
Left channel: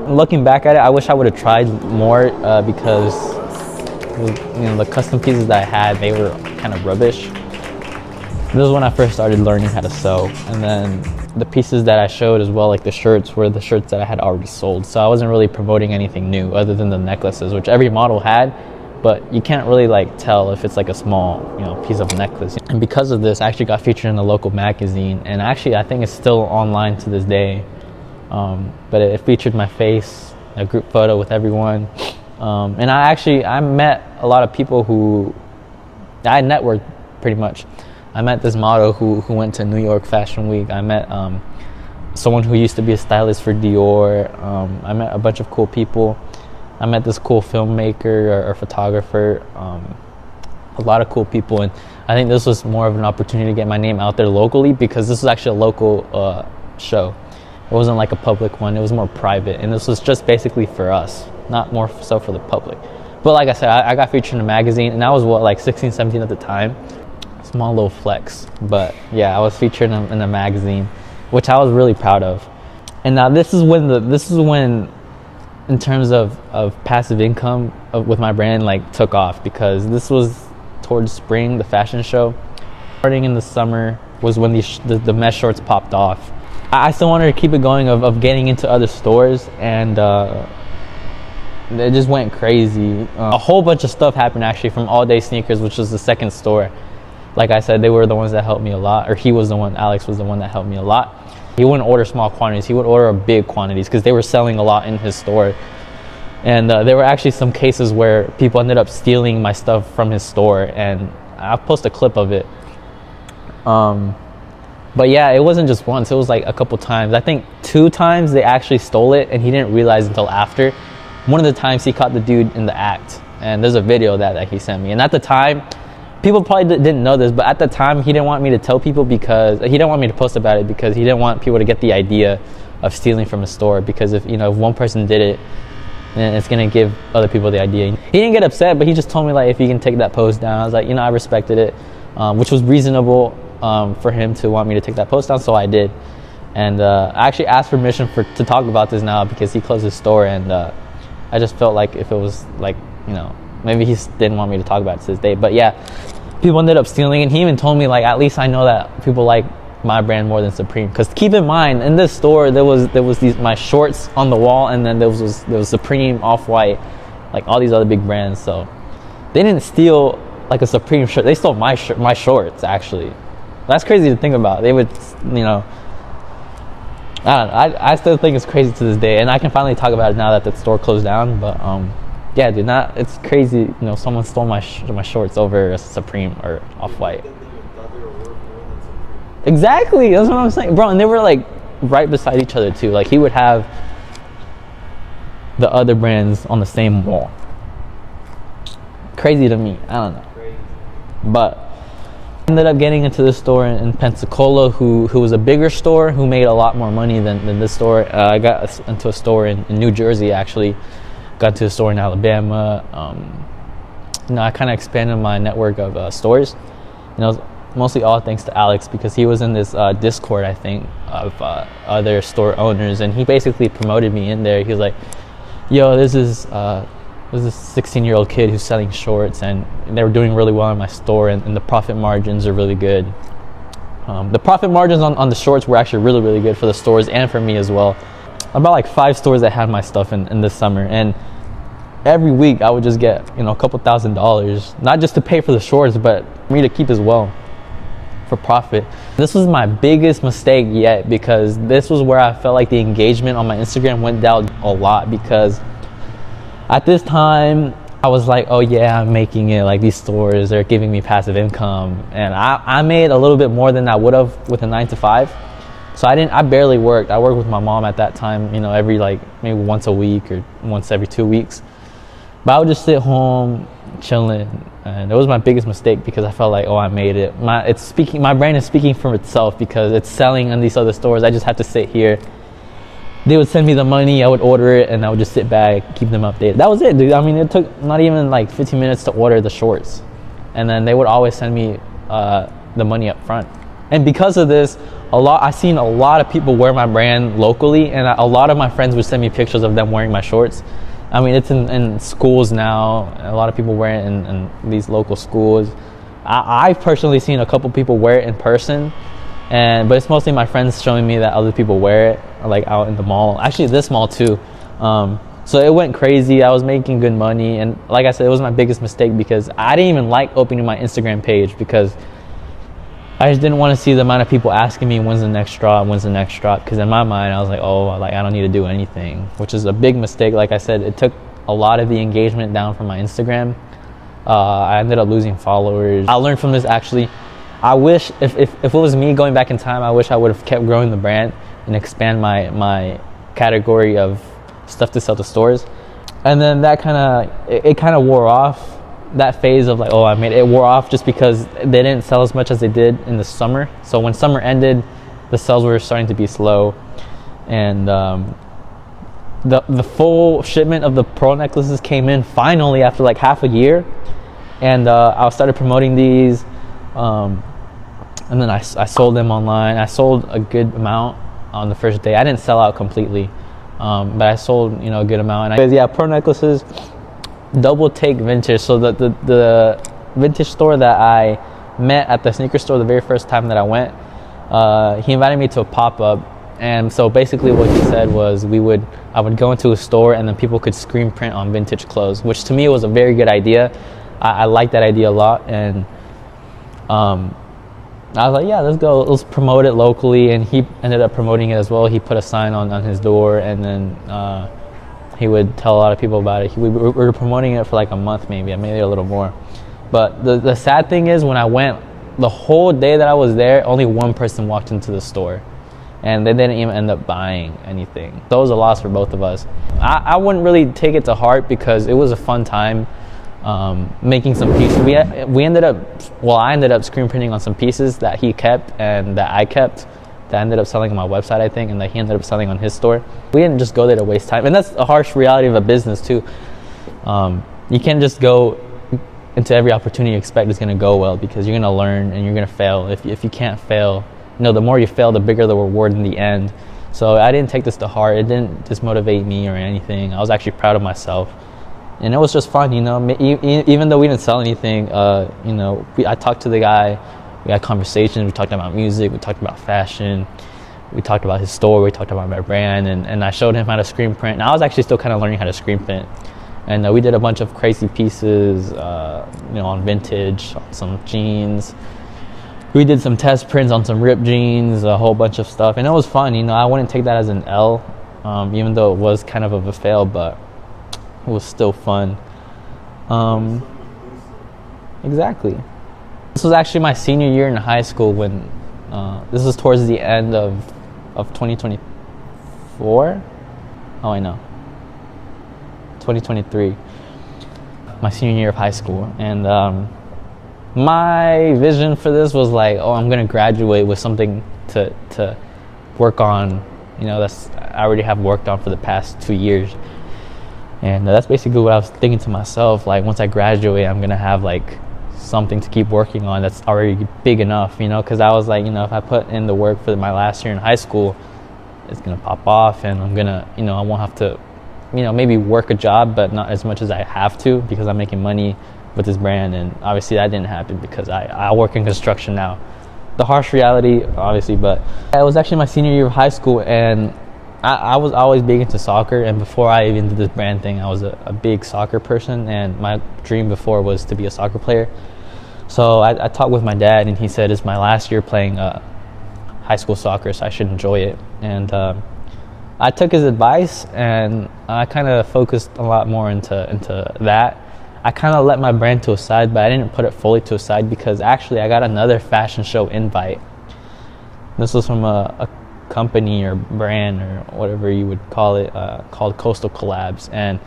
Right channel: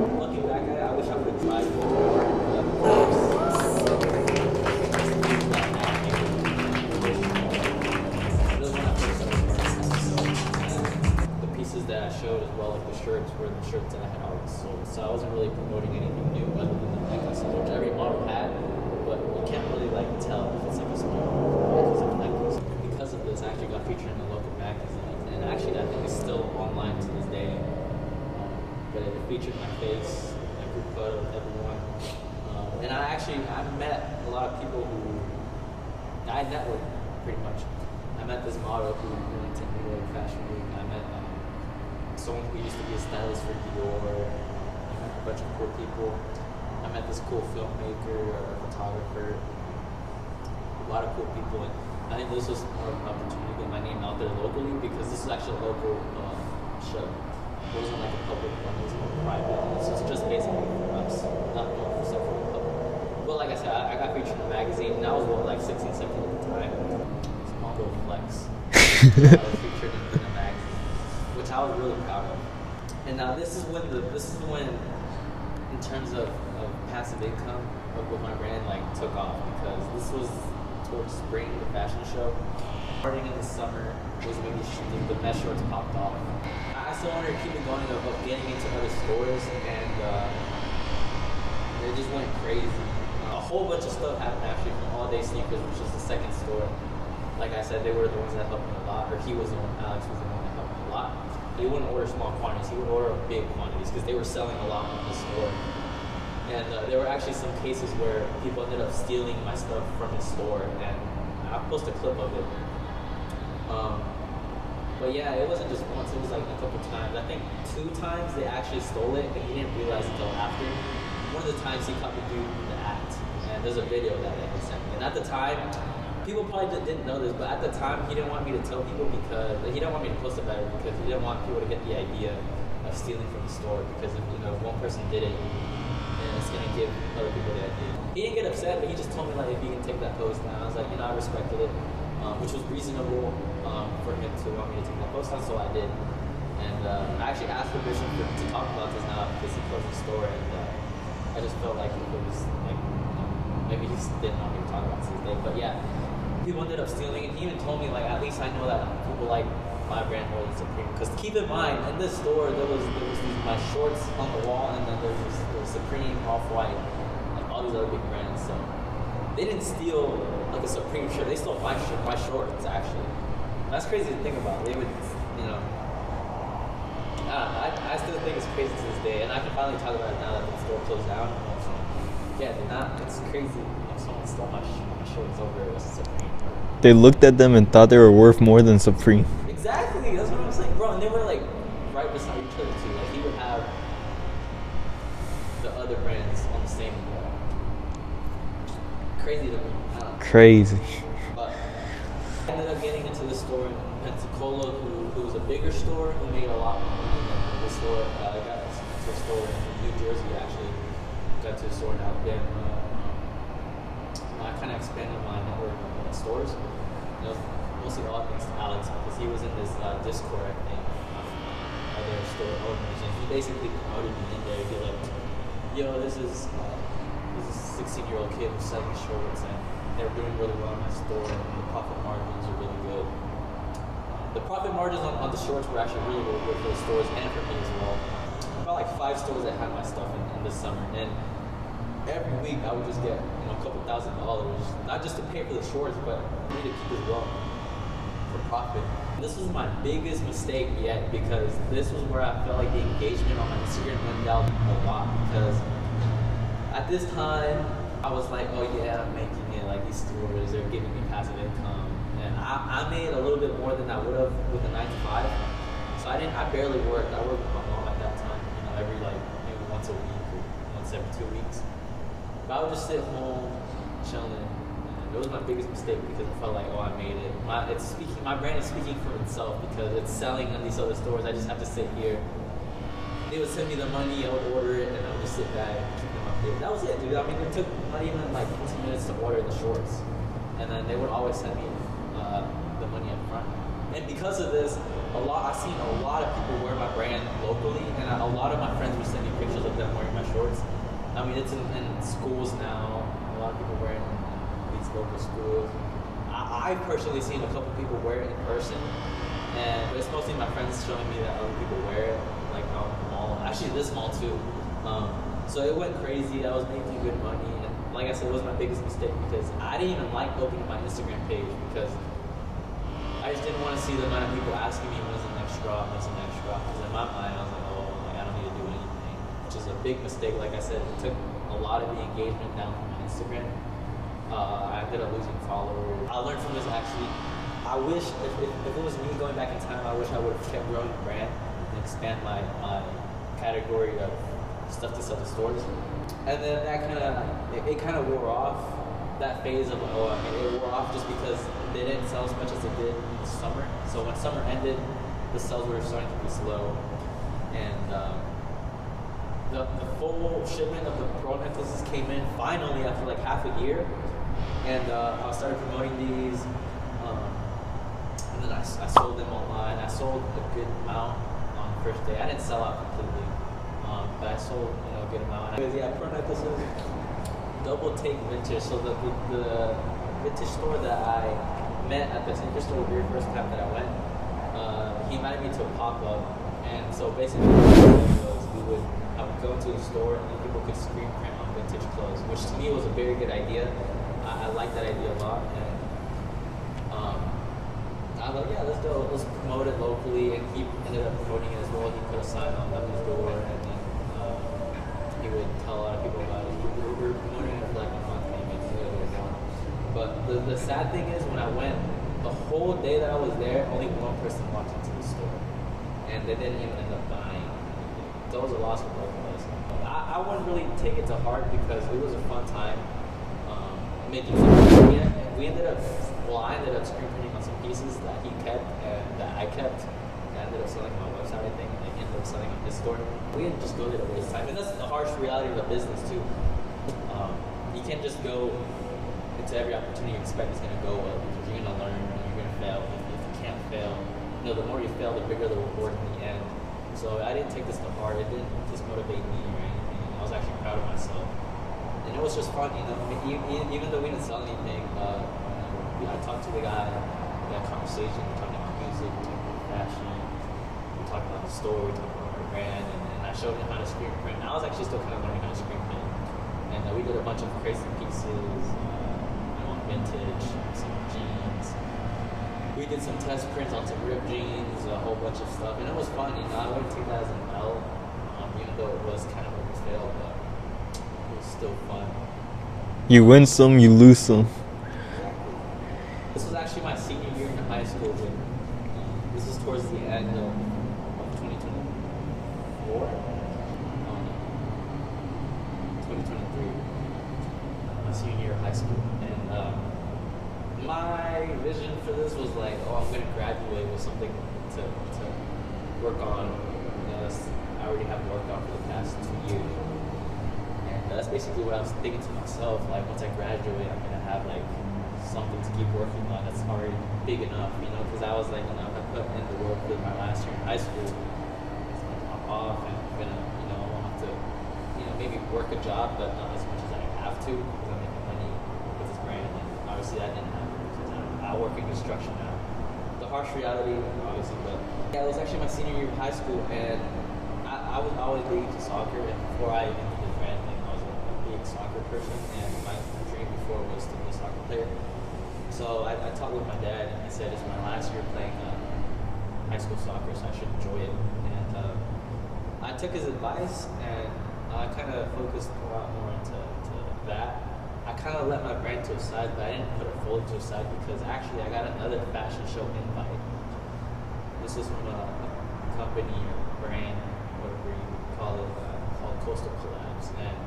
Looking back at it, I wish I would have tried more because the custom pieces that I had, they were kind of rubbish. This was when I first started learning how to sew. And then the pieces that I showed as well, like the shirts, were the shirts that I had already sold. So I wasn't really promoting anything new other than the necklaces, which every model had, but you can't really like tell if it's like a small, piece of necklace. And because of this, I actually got featured in a local magazine, and actually I think it's still online to this day. But it featured my face, a group photo with everyone. And I met a lot of people who, I networked pretty much. I met this model who went to New York Fashion Week. I met someone who used to be a stylist for Dior. I met a bunch of cool people. I met this cool filmmaker or photographer. A lot of cool people. And I think this was more of an opportunity to get my name out there locally, because this was actually a local show. It wasn't like a public one, it was more private, and this was just basically for us, not more so for the public. But like I said, I got featured in a magazine, and I was like 16, 17 at the time. Small little flex, but yeah, I was featured in a magazine, which I was really proud of. And now this is when in terms of passive income with my brand like took off, because this was towards spring, the fashion show. Starting in the summer was when the mesh shorts popped off. I still wanted to keep it going of getting into other stores, and it just went crazy. A whole bunch of stuff happened actually from All Day Sneakers, which was the second store. Like I said, they were the ones that helped me a lot, or Alex was the one that helped me a lot. He wouldn't order small quantities, he would order big quantities because they were selling a lot in his store. And there were actually some cases where people ended up stealing my stuff from his store, and I'll post a clip of it. But yeah, it wasn't just once, it was like a couple times. I think 2 times they actually stole it, and he didn't realize until after. One of the times he caught the dude in the act, and there's a video that he sent me. And at the time, people probably didn't know this, but at the time he didn't want me to tell people, because he didn't want me to post about it, because he didn't want people to get the idea of stealing from a store, because if one person did it, then it's gonna give other people the idea. He didn't get upset, but he just told me like if you can take that post down. I was like, I respected it, which was reasonable for him to want me to take that post down, so I did. And I actually asked permission to talk about this now, because he closed his store, and I just felt like if it was like, maybe he didn't want me to talk about it to this day. But yeah, people ended up stealing it. He even told me, like, at least I know that people like my brand more than Supreme. Because keep in mind, in this store there was these my shorts on the wall, and then there was Supreme, Off-White, like all these other big brands. So they didn't steal like a Supreme shirt. They stole my shorts, actually. That's crazy to think about. They would, you know, I don't know. I still think it's crazy to this day, and I can finally talk about it now that the store closed down. But yeah, dude, it's crazy. You know, someone stole my shorts over a Supreme or They Off-White. looked at them and thought they were worth more than Supreme. Exactly, that's what I'm saying, bro. And they were like right beside each other too. Like he would have the other brands on the same wall. Crazy to me. I don't know. Crazy. But ended up getting into this store in Pensacola, who was a bigger store, who made a lot more money than this store. I got into a store in New Jersey, actually. Got to a store in Alabama. You know, I kind of expanded my network of stores. You know, mostly all thanks to Alex, because he was in this Discord, I think, of other store owners, and he basically promoted me in there. He was like, "Yo, this is 16-year-old kid who's selling shorts, and they were doing really well in my store, and the profit margins are really good." The profit margins on the shorts were actually really, really good for the stores and for me as well. About like 5 stores that had my stuff in this summer, and every week I would just get, you know, a couple $1,000s, not just to pay for the shorts, but for me to keep as well for profit. This was my biggest mistake yet, because this was where I felt like the engagement on my Instagram went down a lot, because at this time I was like, oh yeah, I'm making it, like these stores, they're giving me passive income, and I made a little bit more than I would have with a 9-to-5. So I barely worked. I worked with my mom at that time, you know, every like maybe once a week or once every 2 weeks. But I would just sit home chilling, and it was my biggest mistake, because I felt like, oh, I made it. My brand is speaking for itself, because it's selling in these other stores. I just have to sit here. They would send me the money, I would order it, and I would just sit back, keep them updated. That was it, dude. I mean, it took not even like 15 minutes to order the shorts, and then they would always send me the money up front. And because of this, I've seen a lot of people wear my brand locally, and a lot of my friends would send me pictures of them wearing my shorts. I mean, it's in schools now. A lot of people wear it in these local schools. I've personally seen a couple people wear it in person, but it's mostly my friends showing me that other people wear it, like out in the mall. Actually, this mall too. So it went crazy. I was making good money, and like I said, it was my biggest mistake, because I didn't even like opening my Instagram page, because I just didn't want to see the amount of people asking me when's the next drop, because in my mind I was like, oh, like I don't need to do anything, which is a big mistake. Like I said, it took a lot of the engagement down from my Instagram. I ended up losing followers. I learned from this, actually. I wish if it was me going back in time, I wish I would have kept growing the brand and expand my category of stuff to sell to stores. And then that it kind of wore off. That phase of like, oh, I made it, wore off, just because they didn't sell as much as they did in the summer. So when summer ended, the sales were starting to be slow, and the full shipment of the pearl necklaces came in finally after like half a year, and I started promoting these, and then I sold them online. I sold a good amount on the first day. I didn't sell out completely, but I sold, you know, a good amount. And yeah, pearl necklaces. Double Take Vintage. So the vintage store that I met at the sneaker store the very first time that I went, he invited me to a pop-up, and so basically what he said was I would go into a store, and then people could screen print on vintage clothes, which to me was a very good idea. I like that idea a lot, and I was like, yeah, let's go, let's promote it locally. And he ended up promoting it as well. He put a sign on his door, and then he would tell a lot of people about it. We were promoting it for like a month, maybe a little more. But the sad thing is, when I went, the whole day that I was there, only one person walked into the store, and they didn't even end up buying anything. So it was a loss for both of us. I wouldn't really take it to heart, because it was a fun time making some pieces. I ended up screen printing on some pieces that he kept and that I kept, that ended up selling on my website, I think, and that he ended up selling on his store. We didn't just go there to waste time, and that's a harsh reality of a business too. You can't just go into every opportunity you expect is going to go well, because you're going to learn and you're going to fail. If you can't fail, you know, the more you fail, the bigger the reward in the end. So I didn't take this to heart. It didn't dismotivate me or anything. I was actually proud of myself. And it was just fun, you know. Even though we didn't sell anything, you know, I talked to the guy, we had conversations, we talked about music, we talked about fashion, we talked about his store, we talked about my brand, and I showed him how to screen print. And I was actually still kind of learning how to screen print. And we did a bunch of crazy pieces, you know, on vintage, on some jeans. We did some test prints on some ripped jeans, a whole bunch of stuff, and it was fun. You know, I wouldn't take that as an L, even though it was kind of a fail, but it was still fun. You win some, you lose some. Exactly. This was actually my senior year in high school when, this was towards the end of 2024. Oh, I know. 2023. My senior year of high school, and my vision for this was like, oh, I'm gonna graduate with something to work on. You know, I already have worked on for the past 2 years. And that's basically what I was thinking to myself. Like, once I graduate, I'm gonna have like something to keep working on that's already big enough, you know, because I was like, you know, if I put in the work for my last year in high school, it's gonna pop off, and I'm gonna, you know, I won't have to, you know, maybe work a job, but not as much as I have to, because I'm making money with this brand. And obviously that didn't happen because I work in construction now. The harsh reality, obviously, but it was actually my senior year of high school, and I was always big into soccer, and before I even did this brand thing, I was a big soccer person, and my dream before was to be a soccer player. So I talked with my dad, and he said it's my last year playing high school soccer, so I should enjoy it. And I took his advice, and I kind of focused a lot more into that. I kind of let my brand to a side, but I didn't put it fully to a side, because actually I got another fashion show invite. This was from a company or brand or whatever you would call it, called Coastal Collabs, and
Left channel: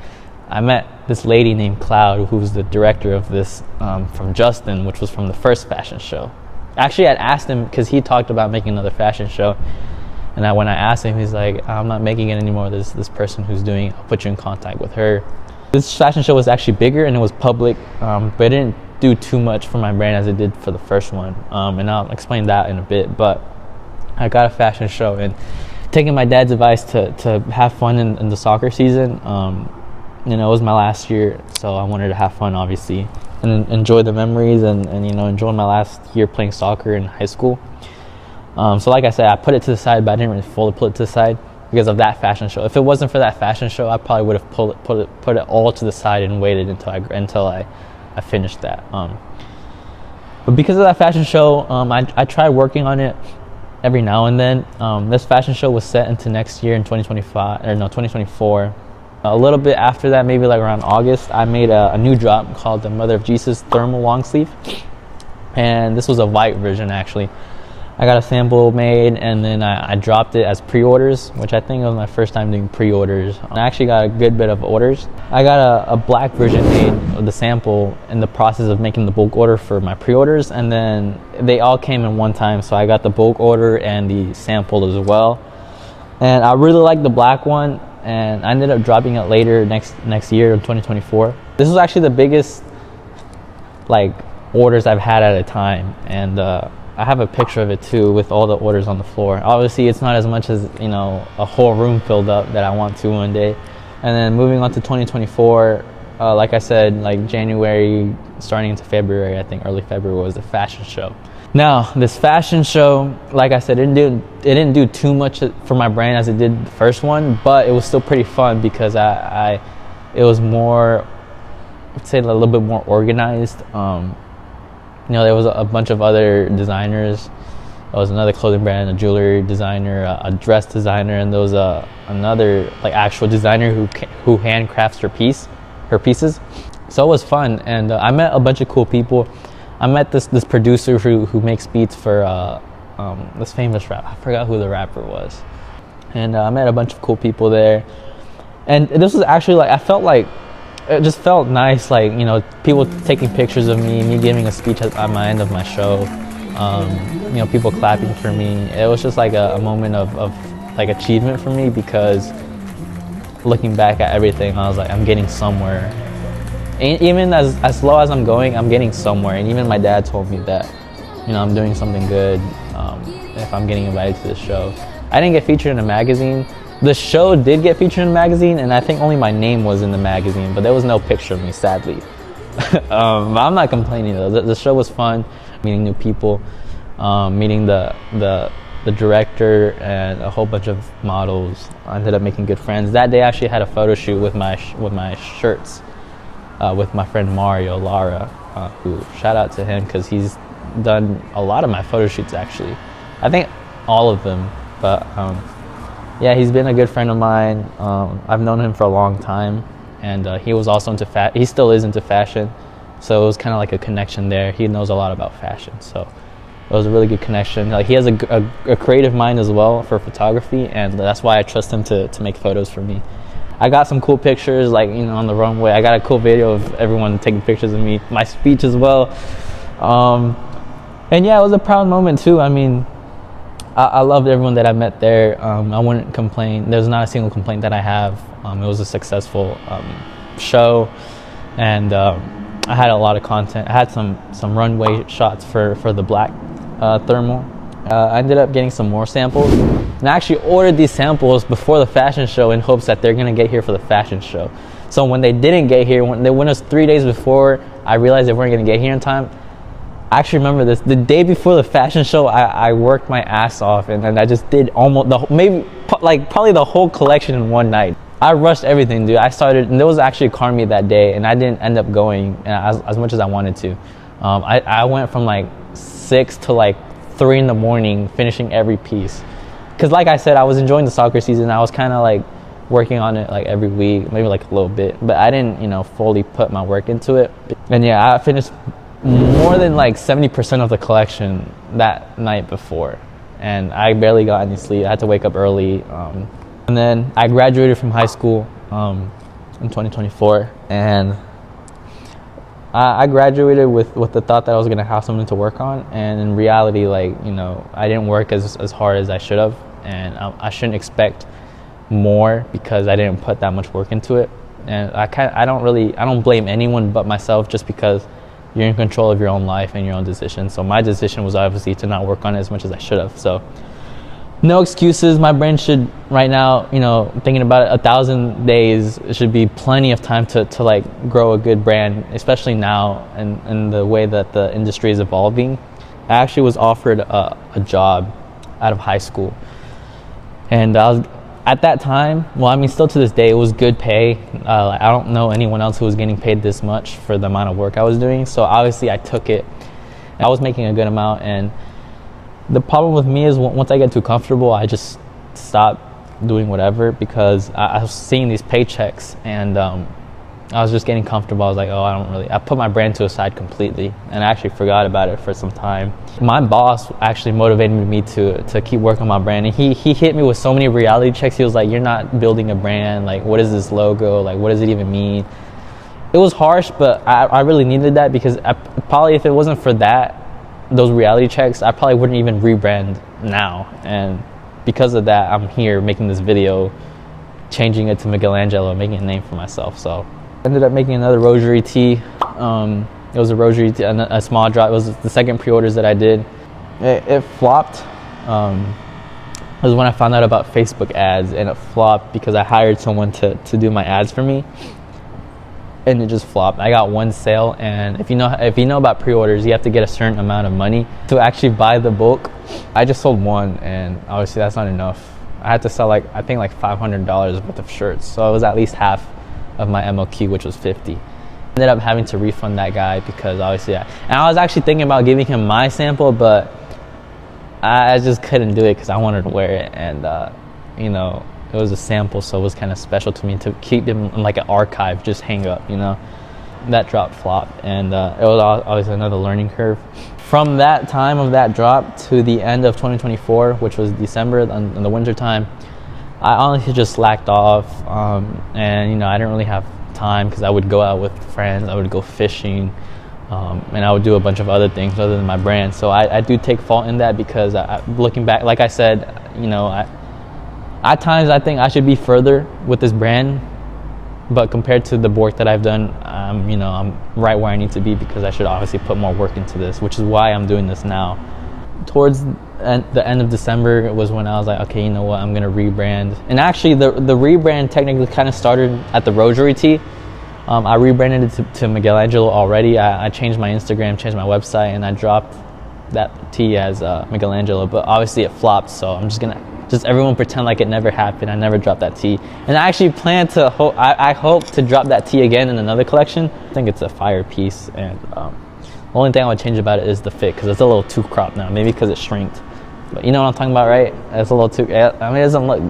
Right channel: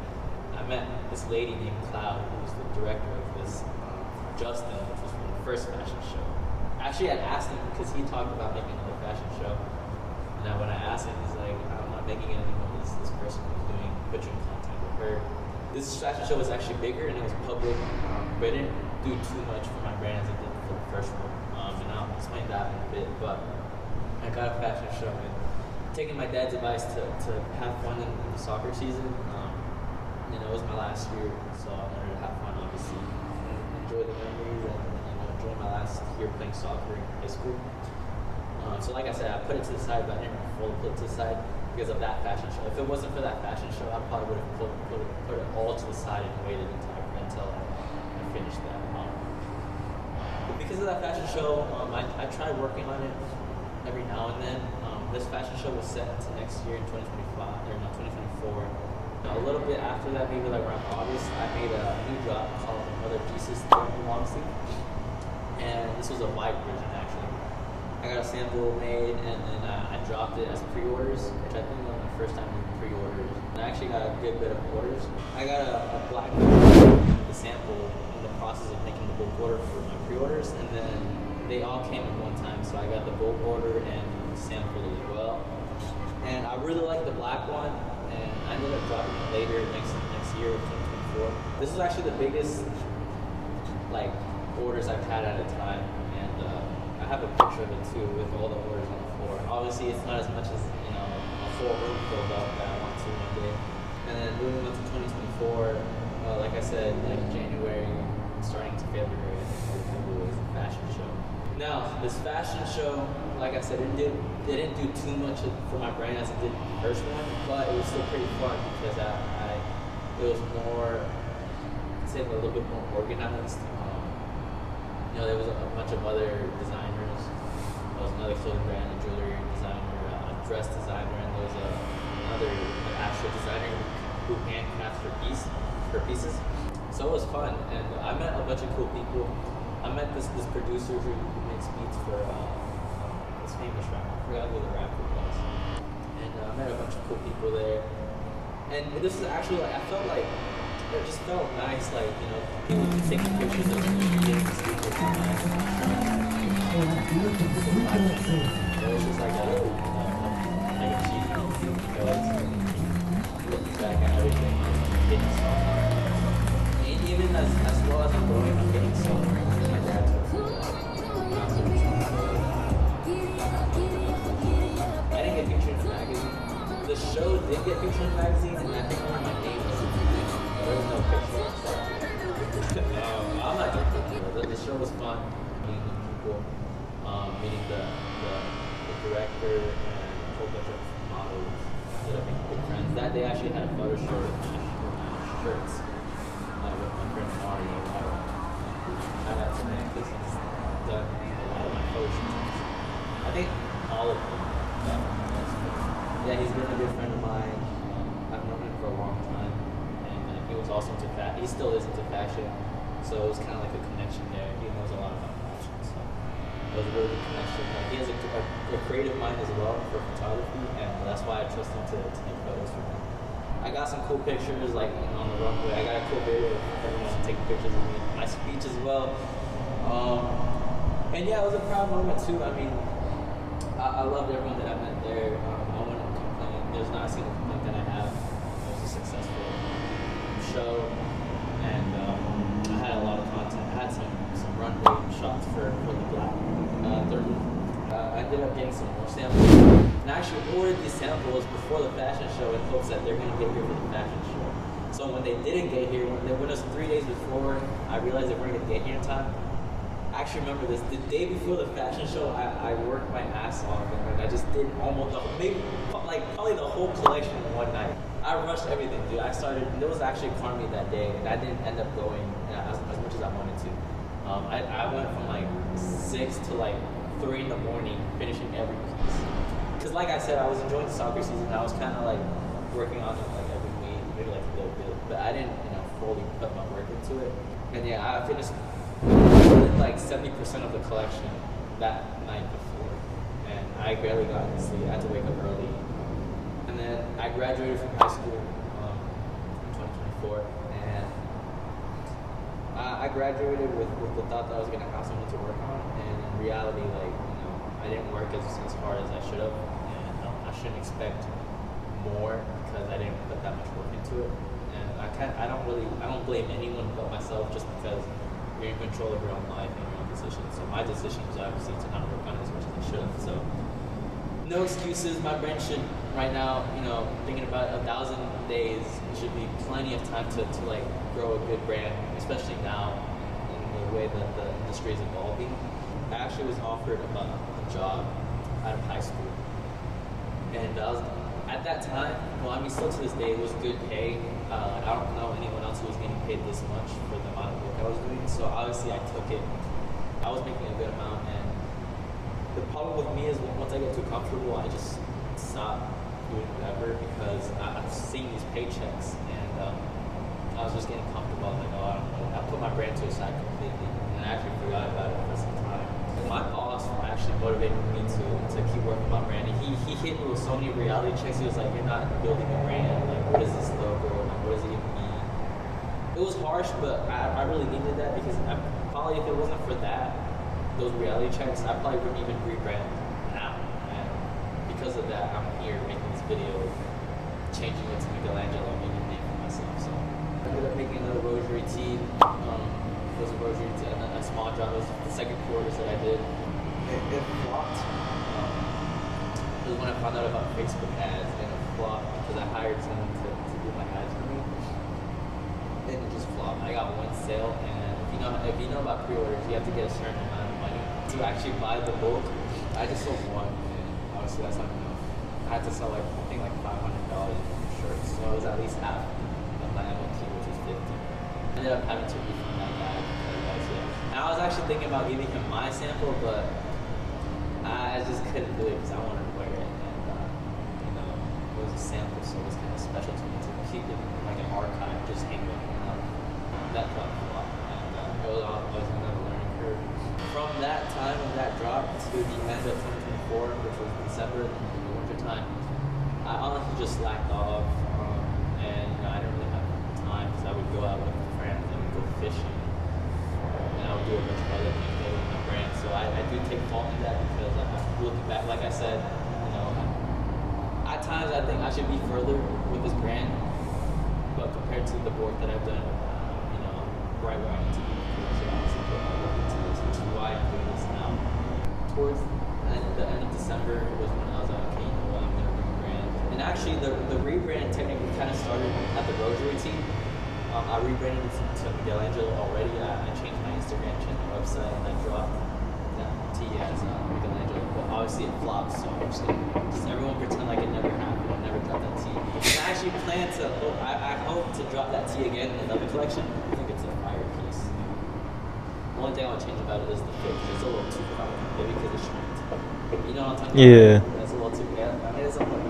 I met this lady named Cloud, who was the director of this, from Justin, which was from the first fashion show. Actually, I'd asked him because he talked about making another fashion show, and when I asked him, he's like, I'm not making it anymore. There's this person who's doing it. I'll put you in contact with her. This fashion show was actually bigger and it was public, but it didn't do too much for my brand as it did for the first one, and I'll explain that in a bit. But I got a fashion show, and taking my dad's advice to have fun in the soccer season. You know, it was my last year, so I wanted to have fun, obviously, and enjoy the memories, and you know, enjoy my last year playing soccer in high school. So like I said, I put it to the side, but I didn't really fully put it to the side because of that fashion show. If it wasn't for that fashion show, I probably would have put it all to the side and waited until I finished that. But because of that fashion show, I tried working on it every now and then. This fashion show was set into next year in 2024. A little bit after that, maybe like around August, I made a new drop called the Mother of Jesus thermal long sleeve, and this was a white version actually. I got a sample made, and then I dropped it as pre-orders, which I think was my first time doing pre-orders. I actually got a good bit of orders. I got a black version made of the sample in the process of making the bulk order for my pre-orders, and then they all came in one time, so I got the bulk order and the sample as well. And I really like the black one, and I ended up dropping it later next year in 2024. This was actually the biggest like orders I've had at a time, and I have a picture of it too with all the orders on the floor. Obviously it's not as much as, you know, a whole room filled up that I want to one day. And then moving on to 2024, like I said, like January starting into February, I think early February, was a fashion show. Now this fashion show, like I said, it didn't do too much for my brand as it did the first one, but it was still pretty fun because it was more, I'd say, a little bit more organized. You know, there was a bunch of other designers. There was another clothing brand, a jewelry designer, a dress designer, and there was another like actual designer who handcrafts her pieces. So it was fun, and I met a bunch of cool people. I met this producer who makes beats for this famous rapper. I forgot who the rapper was. And I met a bunch of cool people there. And this was actually like, I felt like, it just felt nice, like, you know, people taking pictures of me giving a speech at my end of my show, you know, people clapping for me. It was just like a moment of like achievement for me, because looking back at everything, I was like, I'm getting somewhere. And even as low as I'm going, I'm getting somewhere. And even my dad told me that, you know, I'm doing something good if I'm getting invited to the show. I didn't get featured in a magazine, The show did get featured in the magazine, and I think only my name was in the magazine, but there was no picture of me, sadly. But I'm not complaining though. The show was fun, meeting new people, meeting the director and a whole bunch of models. I ended up making good friends. That day I actually had a photo shoot with my shirts with my friend Mario Lara, who, shout out to him because he's done a lot of my photo shoots actually. I think all of them, but yeah, he's been a good friend of mine. I've known him for a long time, and he was also into he still is into fashion, so it was kind of like a connection there. He knows a lot about fashion, so it was a really good connection. Like, he has a creative mind as well for photography, and that's why I trust him to make photos for me. I got some cool pictures, like, you know, on the runway. I got a cool video of everyone taking pictures of me, my speech as well. And yeah, it was a proud moment too. I mean, I loved everyone that I met there. I wouldn't complain. There's not a single complaint that I have. It was a successful show, and I had a lot of content. I had some runway shots for the black thermal. I ended up getting some more samples, and I actually ordered these samples before the fashion show in hopes that they're gonna get here for the fashion show. So when they didn't get here, when it was 3 days before I realized they weren't gonna get here in time, I actually remember this. The day before the fashion show, I worked my ass off, and I just did almost probably the whole collection in one night. I rushed everything, dude. I started, and there was actually a car meet that day, and I didn't end up going as much as I wanted to. I went from like 6 to like 3 in the morning finishing every piece, because like I said, I was enjoying the soccer season. I was kind of like working on it like every week, maybe like a little bit, but I didn't, you know, fully put my work into it. And yeah, I finished more than like 70% of the collection that night before, and I barely got any sleep. I had to wake up early, and then I graduated from high school in 2024, and I graduated with the thought that I was gonna have something to work on, and in reality, like, you know, I didn't work as hard as I should have, and I shouldn't expect more because I didn't put that much work into it. And I don't blame anyone but myself, just because you're in control of your own life and your own decisions. So my decision was obviously to not work on it as much as I should have. So no excuses. My brain should right now, you know, thinking about it, 1,000 days should be plenty of time to like grow a good brand, especially now and the way that the industry is evolving. I actually was offered a job out of high school, and I was, at that time, well, I mean, still to this day, it was good pay. I don't know anyone else who was getting paid this much for the amount of work I was doing. So obviously I took it. I was making a good amount, and the problem with me is once I get too comfortable, I just stop doing whatever, because I was seeing these paychecks, and I was just getting comfortable. I was like, oh, I put my brand to a side completely, and I actually forgot about it for some time. My boss actually motivated me to keep working on my brand, and he hit me with so many reality checks. He was like, you're not building a brand. Like, what is this logo? Like, what does it even mean? It was harsh, but I really needed that, because probably if it wasn't for those reality checks, I probably wouldn't even rebrand now. And because of that, I'm here making this video, changing it to Miguel-Angelo, making a name for myself. So I ended up making another rosary tee. It was a rosary tee, a small drop. It was the second pre-orders that I did. It flopped. It was when I found out about Facebook ads, and it flopped because I hired someone to do my ads for me, and it just flopped. I got one sale, and if you know about pre-orders, you have to get a certain amount of money to actually buy the bulk. I just sold one, and obviously that's not enough. I had to sell I think $500 worth of shirts, so it was at least half of my MOQ, which was 50. Ended up having to refund that guy because obviously and I was actually thinking about giving him my sample, but I just couldn't do it because I wanted to wear it, and you know, it was a sample, so it was kind of special to me to keep him in like an archive, just hang up, you know. That drop flopped, and it was obviously another learning curve. From that time of that drop to the end of 2024, which was December in the winter time, I honestly just slacked off, and you know, I didn't really have time because I would go out with friends, I would go fishing, and I would do a bunch of other things other than my brand. So I do take fault in that, because looking back, like I said, you know, at times I think I should be further with this brand, but compared to the work that I've done, you know, I'm right where I need to be, because I should obviously put more work into this, which is why I'm doing this now. towards the end of December was when I was like, okay, you know what, I'm gonna rebrand. And actually, the rebrand technically kind of started at the Rosary tee. I rebranded it to Miguel-Angelo already. I changed my Instagram, changed my website, and I dropped that tee as Miguel-Angelo. But obviously it flopped, so I'm just gonna everyone pretend like it never happened. I never dropped that tee, and I actually plan to. I hope to drop that tee again in another collection. I think it's a fire piece, and the only thing I would change about it is the fit, because it's a little too cropped now. Maybe because it shrinked. But you know what I'm talking about, right? It's a little too. I mean, it doesn't look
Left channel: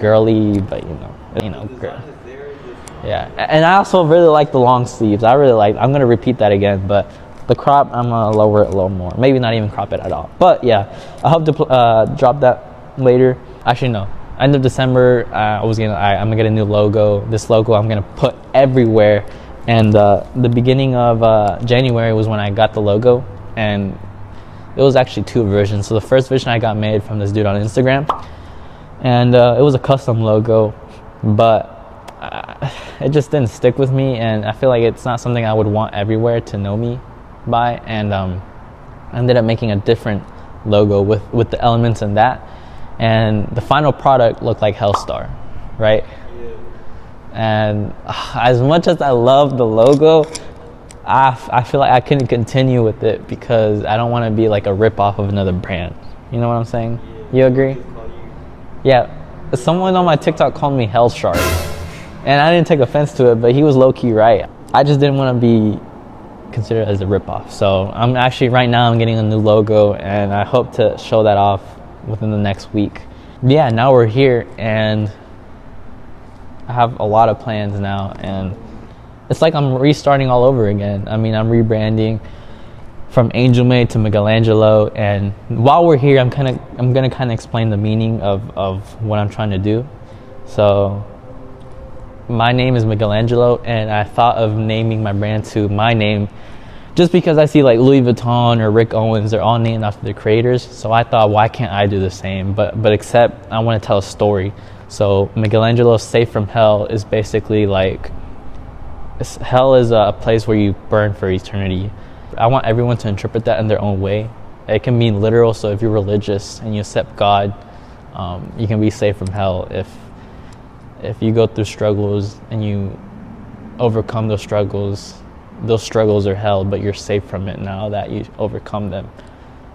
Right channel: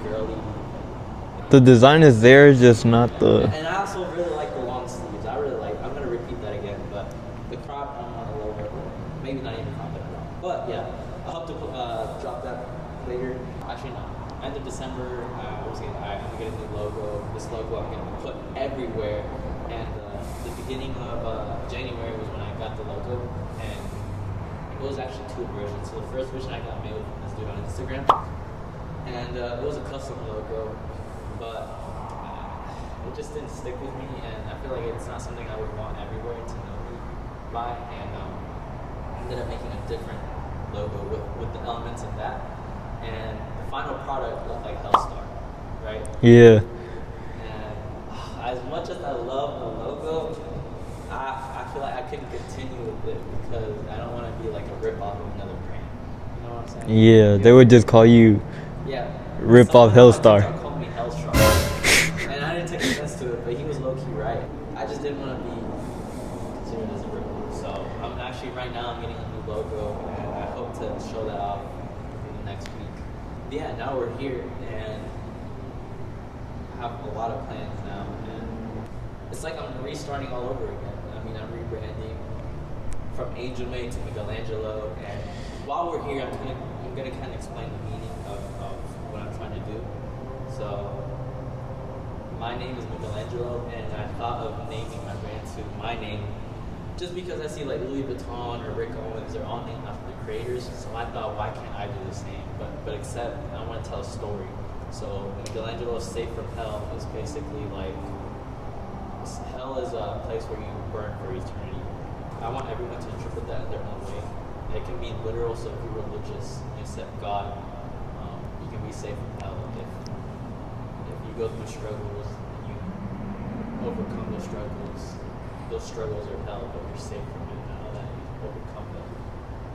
girly, but you know. The design is there, just not the... And I also really like the long sleeves. I'm gonna repeat that again, but the crop, I'm gonna lower it a little more. Maybe not even crop it at all. But yeah, I hope to drop that later. Actually, no. End of December, I'm gonna get a new logo. This logo I'm gonna put everywhere. And the beginning of January was when I got the logo, and it was actually 2 versions. So the first version I got made from this dude on Instagram, and it was a custom logo. But it just didn't stick with me, and I feel like it's not something I would want everywhere to know me by. And I ended up making a different logo with the elements in that, and the final product looked like Hellstar, right? Yeah. And as much as I love the logo, I feel like I couldn't continue with it because I don't want to be like a rip-off of another brand. You know what I'm saying? Yeah, they would just call you... Yeah. Someone on my TikTok called me Hell Shark, and I didn't take offense to it, but he was low-key right. I just didn't want to be considered as a ripoff. So I'm actually, right now, I'm getting a new logo, and I hope to show that off within the next week. Yeah, now we're here, and I have a lot of plans now, and it's like I'm restarting all over again. I mean, I'm rebranding from ANGELMADE to Miguel-Angelo, and while we're here, I'm gonna kind of explain the meaning of what I'm trying to do. So my name is Miguel-Angelo, and I thought of naming my brand to my name just because I see like Louis Vuitton or Rick Owens, they're all named after their creators. So I thought, why can't I do the same? But except I want to tell a story. So Miguel-Angelo Safe from Hell is basically like, hell is a place where you burn for eternity. I want everyone to interpret that in their own way. It can mean literal, so if you're religious and you accept God, you can be safe from hell. If you go through struggles and you overcome those struggles are hell, but you're safe from it now that you overcome them.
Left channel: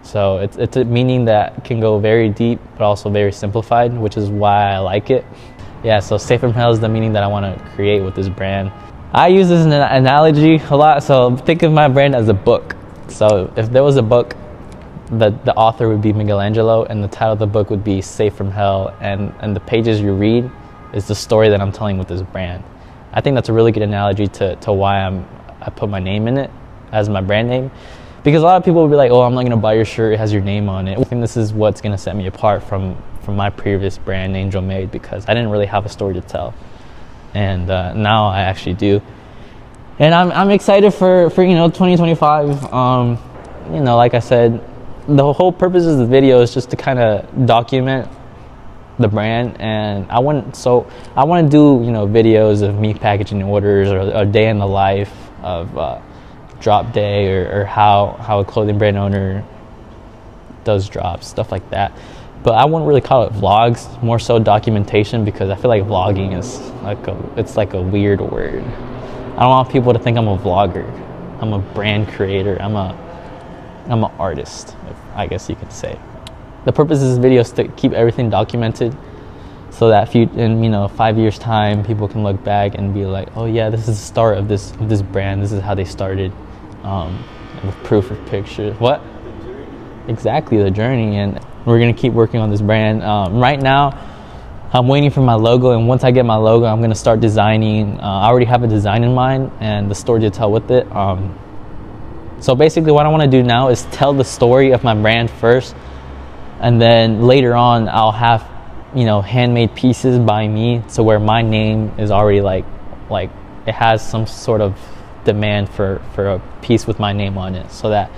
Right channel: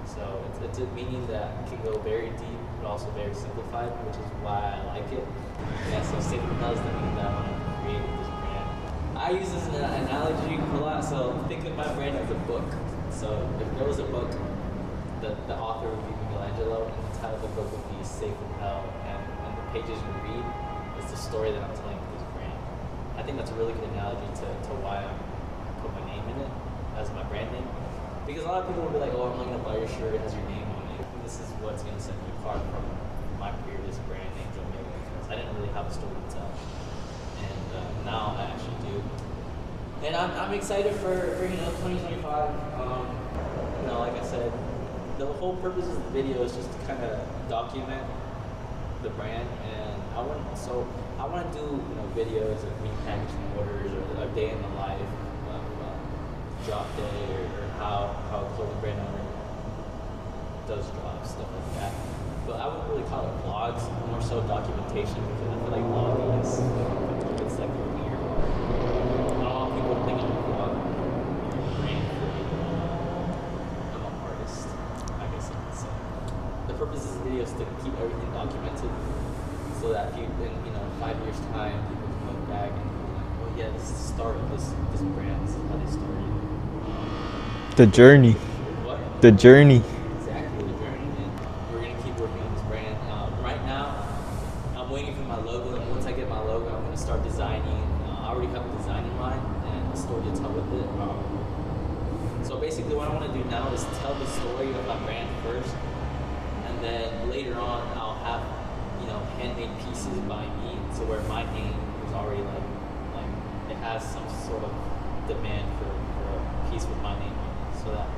So it's a meaning that can go very deep, but also very simplified, which is why I like it. Yeah, so safe from hell is the meaning that I want to create with this brand. I use this analogy a lot, so think of my brand as a book. So if there was a book, the author would be Miguel-Angelo, and the title of the book would be Safe from Hell, and the pages you read is the story that I'm telling with this brand. I think that's a really good analogy to why I put my name in it as my brand name, because a lot of people will be like, oh, I'm not gonna buy your shirt, it has your name on it. I think this is what's gonna set me apart from my previous brand, ANGELMADE, because I didn't really have a story to tell. And now I actually do, and I'm excited for 2025. Like I said, the whole purpose of the video is just to kind of document the brand, and I want to do videos of me packaging orders, or a day in the life of drop day, or how a clothing brand owner does drops, stuff like that. But I wouldn't really call it vlogs, more so documentation, because I feel like vlogging is like a weird word. I don't want people to think I'm a vlogger. I'm a brand creator. I'm an artist, I guess you could say. The purpose of this video is to keep everything documented, so that in 5 years time, people can look back and be like, oh yeah, this is the start of this brand. This is how they started. The journey. Pictures. What? The journey. Exactly, the journey. And we're gonna keep working on this brand. Right now, I'm waiting for my logo, and once I get my logo, I'm gonna start designing. I already have a design in mind and the story to tell with it. So basically what I wanna do now is tell the story of my brand first, and then later on I'll have handmade pieces by me, so where my name is already like it has some sort of demand for a piece with my name on it, so that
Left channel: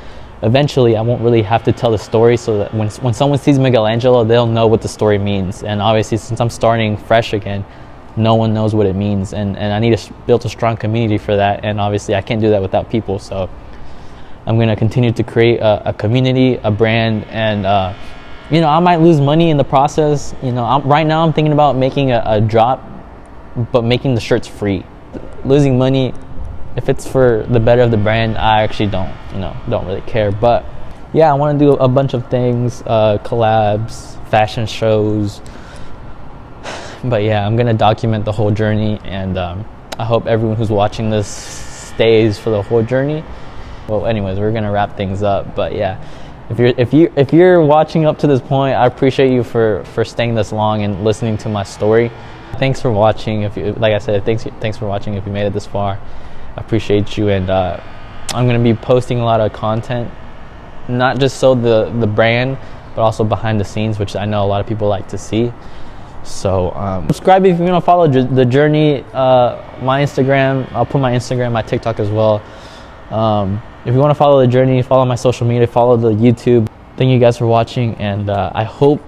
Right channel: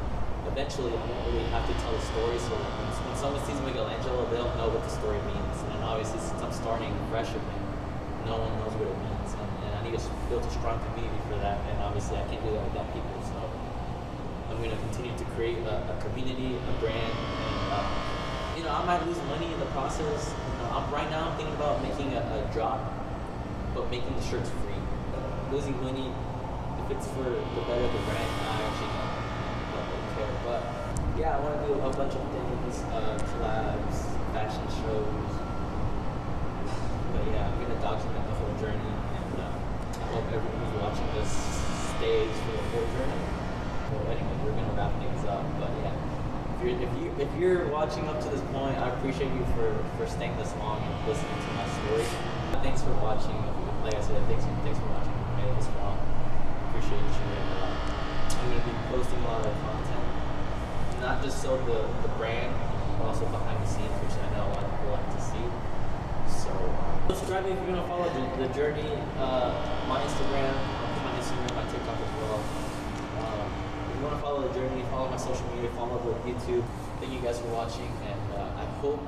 eventually I won't really have to tell the story, so that when someone sees Miguel-Angelo, they'll know what the story means. And obviously, since I'm starting fresh again, no one knows what it means, and I need to build a strong community for that, and obviously I can't do that without people. So I'm gonna continue to create a community, a brand, and you know, I might lose money in the process. You know, right now I'm thinking about making a drop, but making the shirts free. Losing money, if it's for the better of the brand, I actually don't really care. But yeah, I want to do a bunch of things, collabs, fashion shows. But yeah, I'm gonna document the whole journey, and I hope everyone who's watching this stays for the whole journey. Well, anyways, we're gonna wrap things up. But yeah, if you're watching up to this point, I appreciate you for staying this long and listening to my story. Thanks for watching. If you, like I said, thanks for watching. If you made it this far, I appreciate you. And I'm gonna be posting a lot of content, not just so the brand, but also behind the scenes, which I know a lot of people like to see. So subscribe if you want to follow the journey. My Instagram, I'll put my Instagram, my TikTok as well. If you want to follow the journey, follow my social media, follow the YouTube. Thank you guys for watching, and I hope,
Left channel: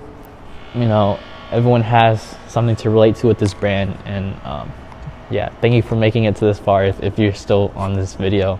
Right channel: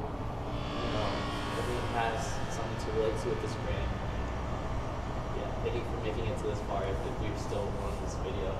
you know, everyone has something to relate to with this brand. And yeah, thank you for making it to this far if you're still on this video.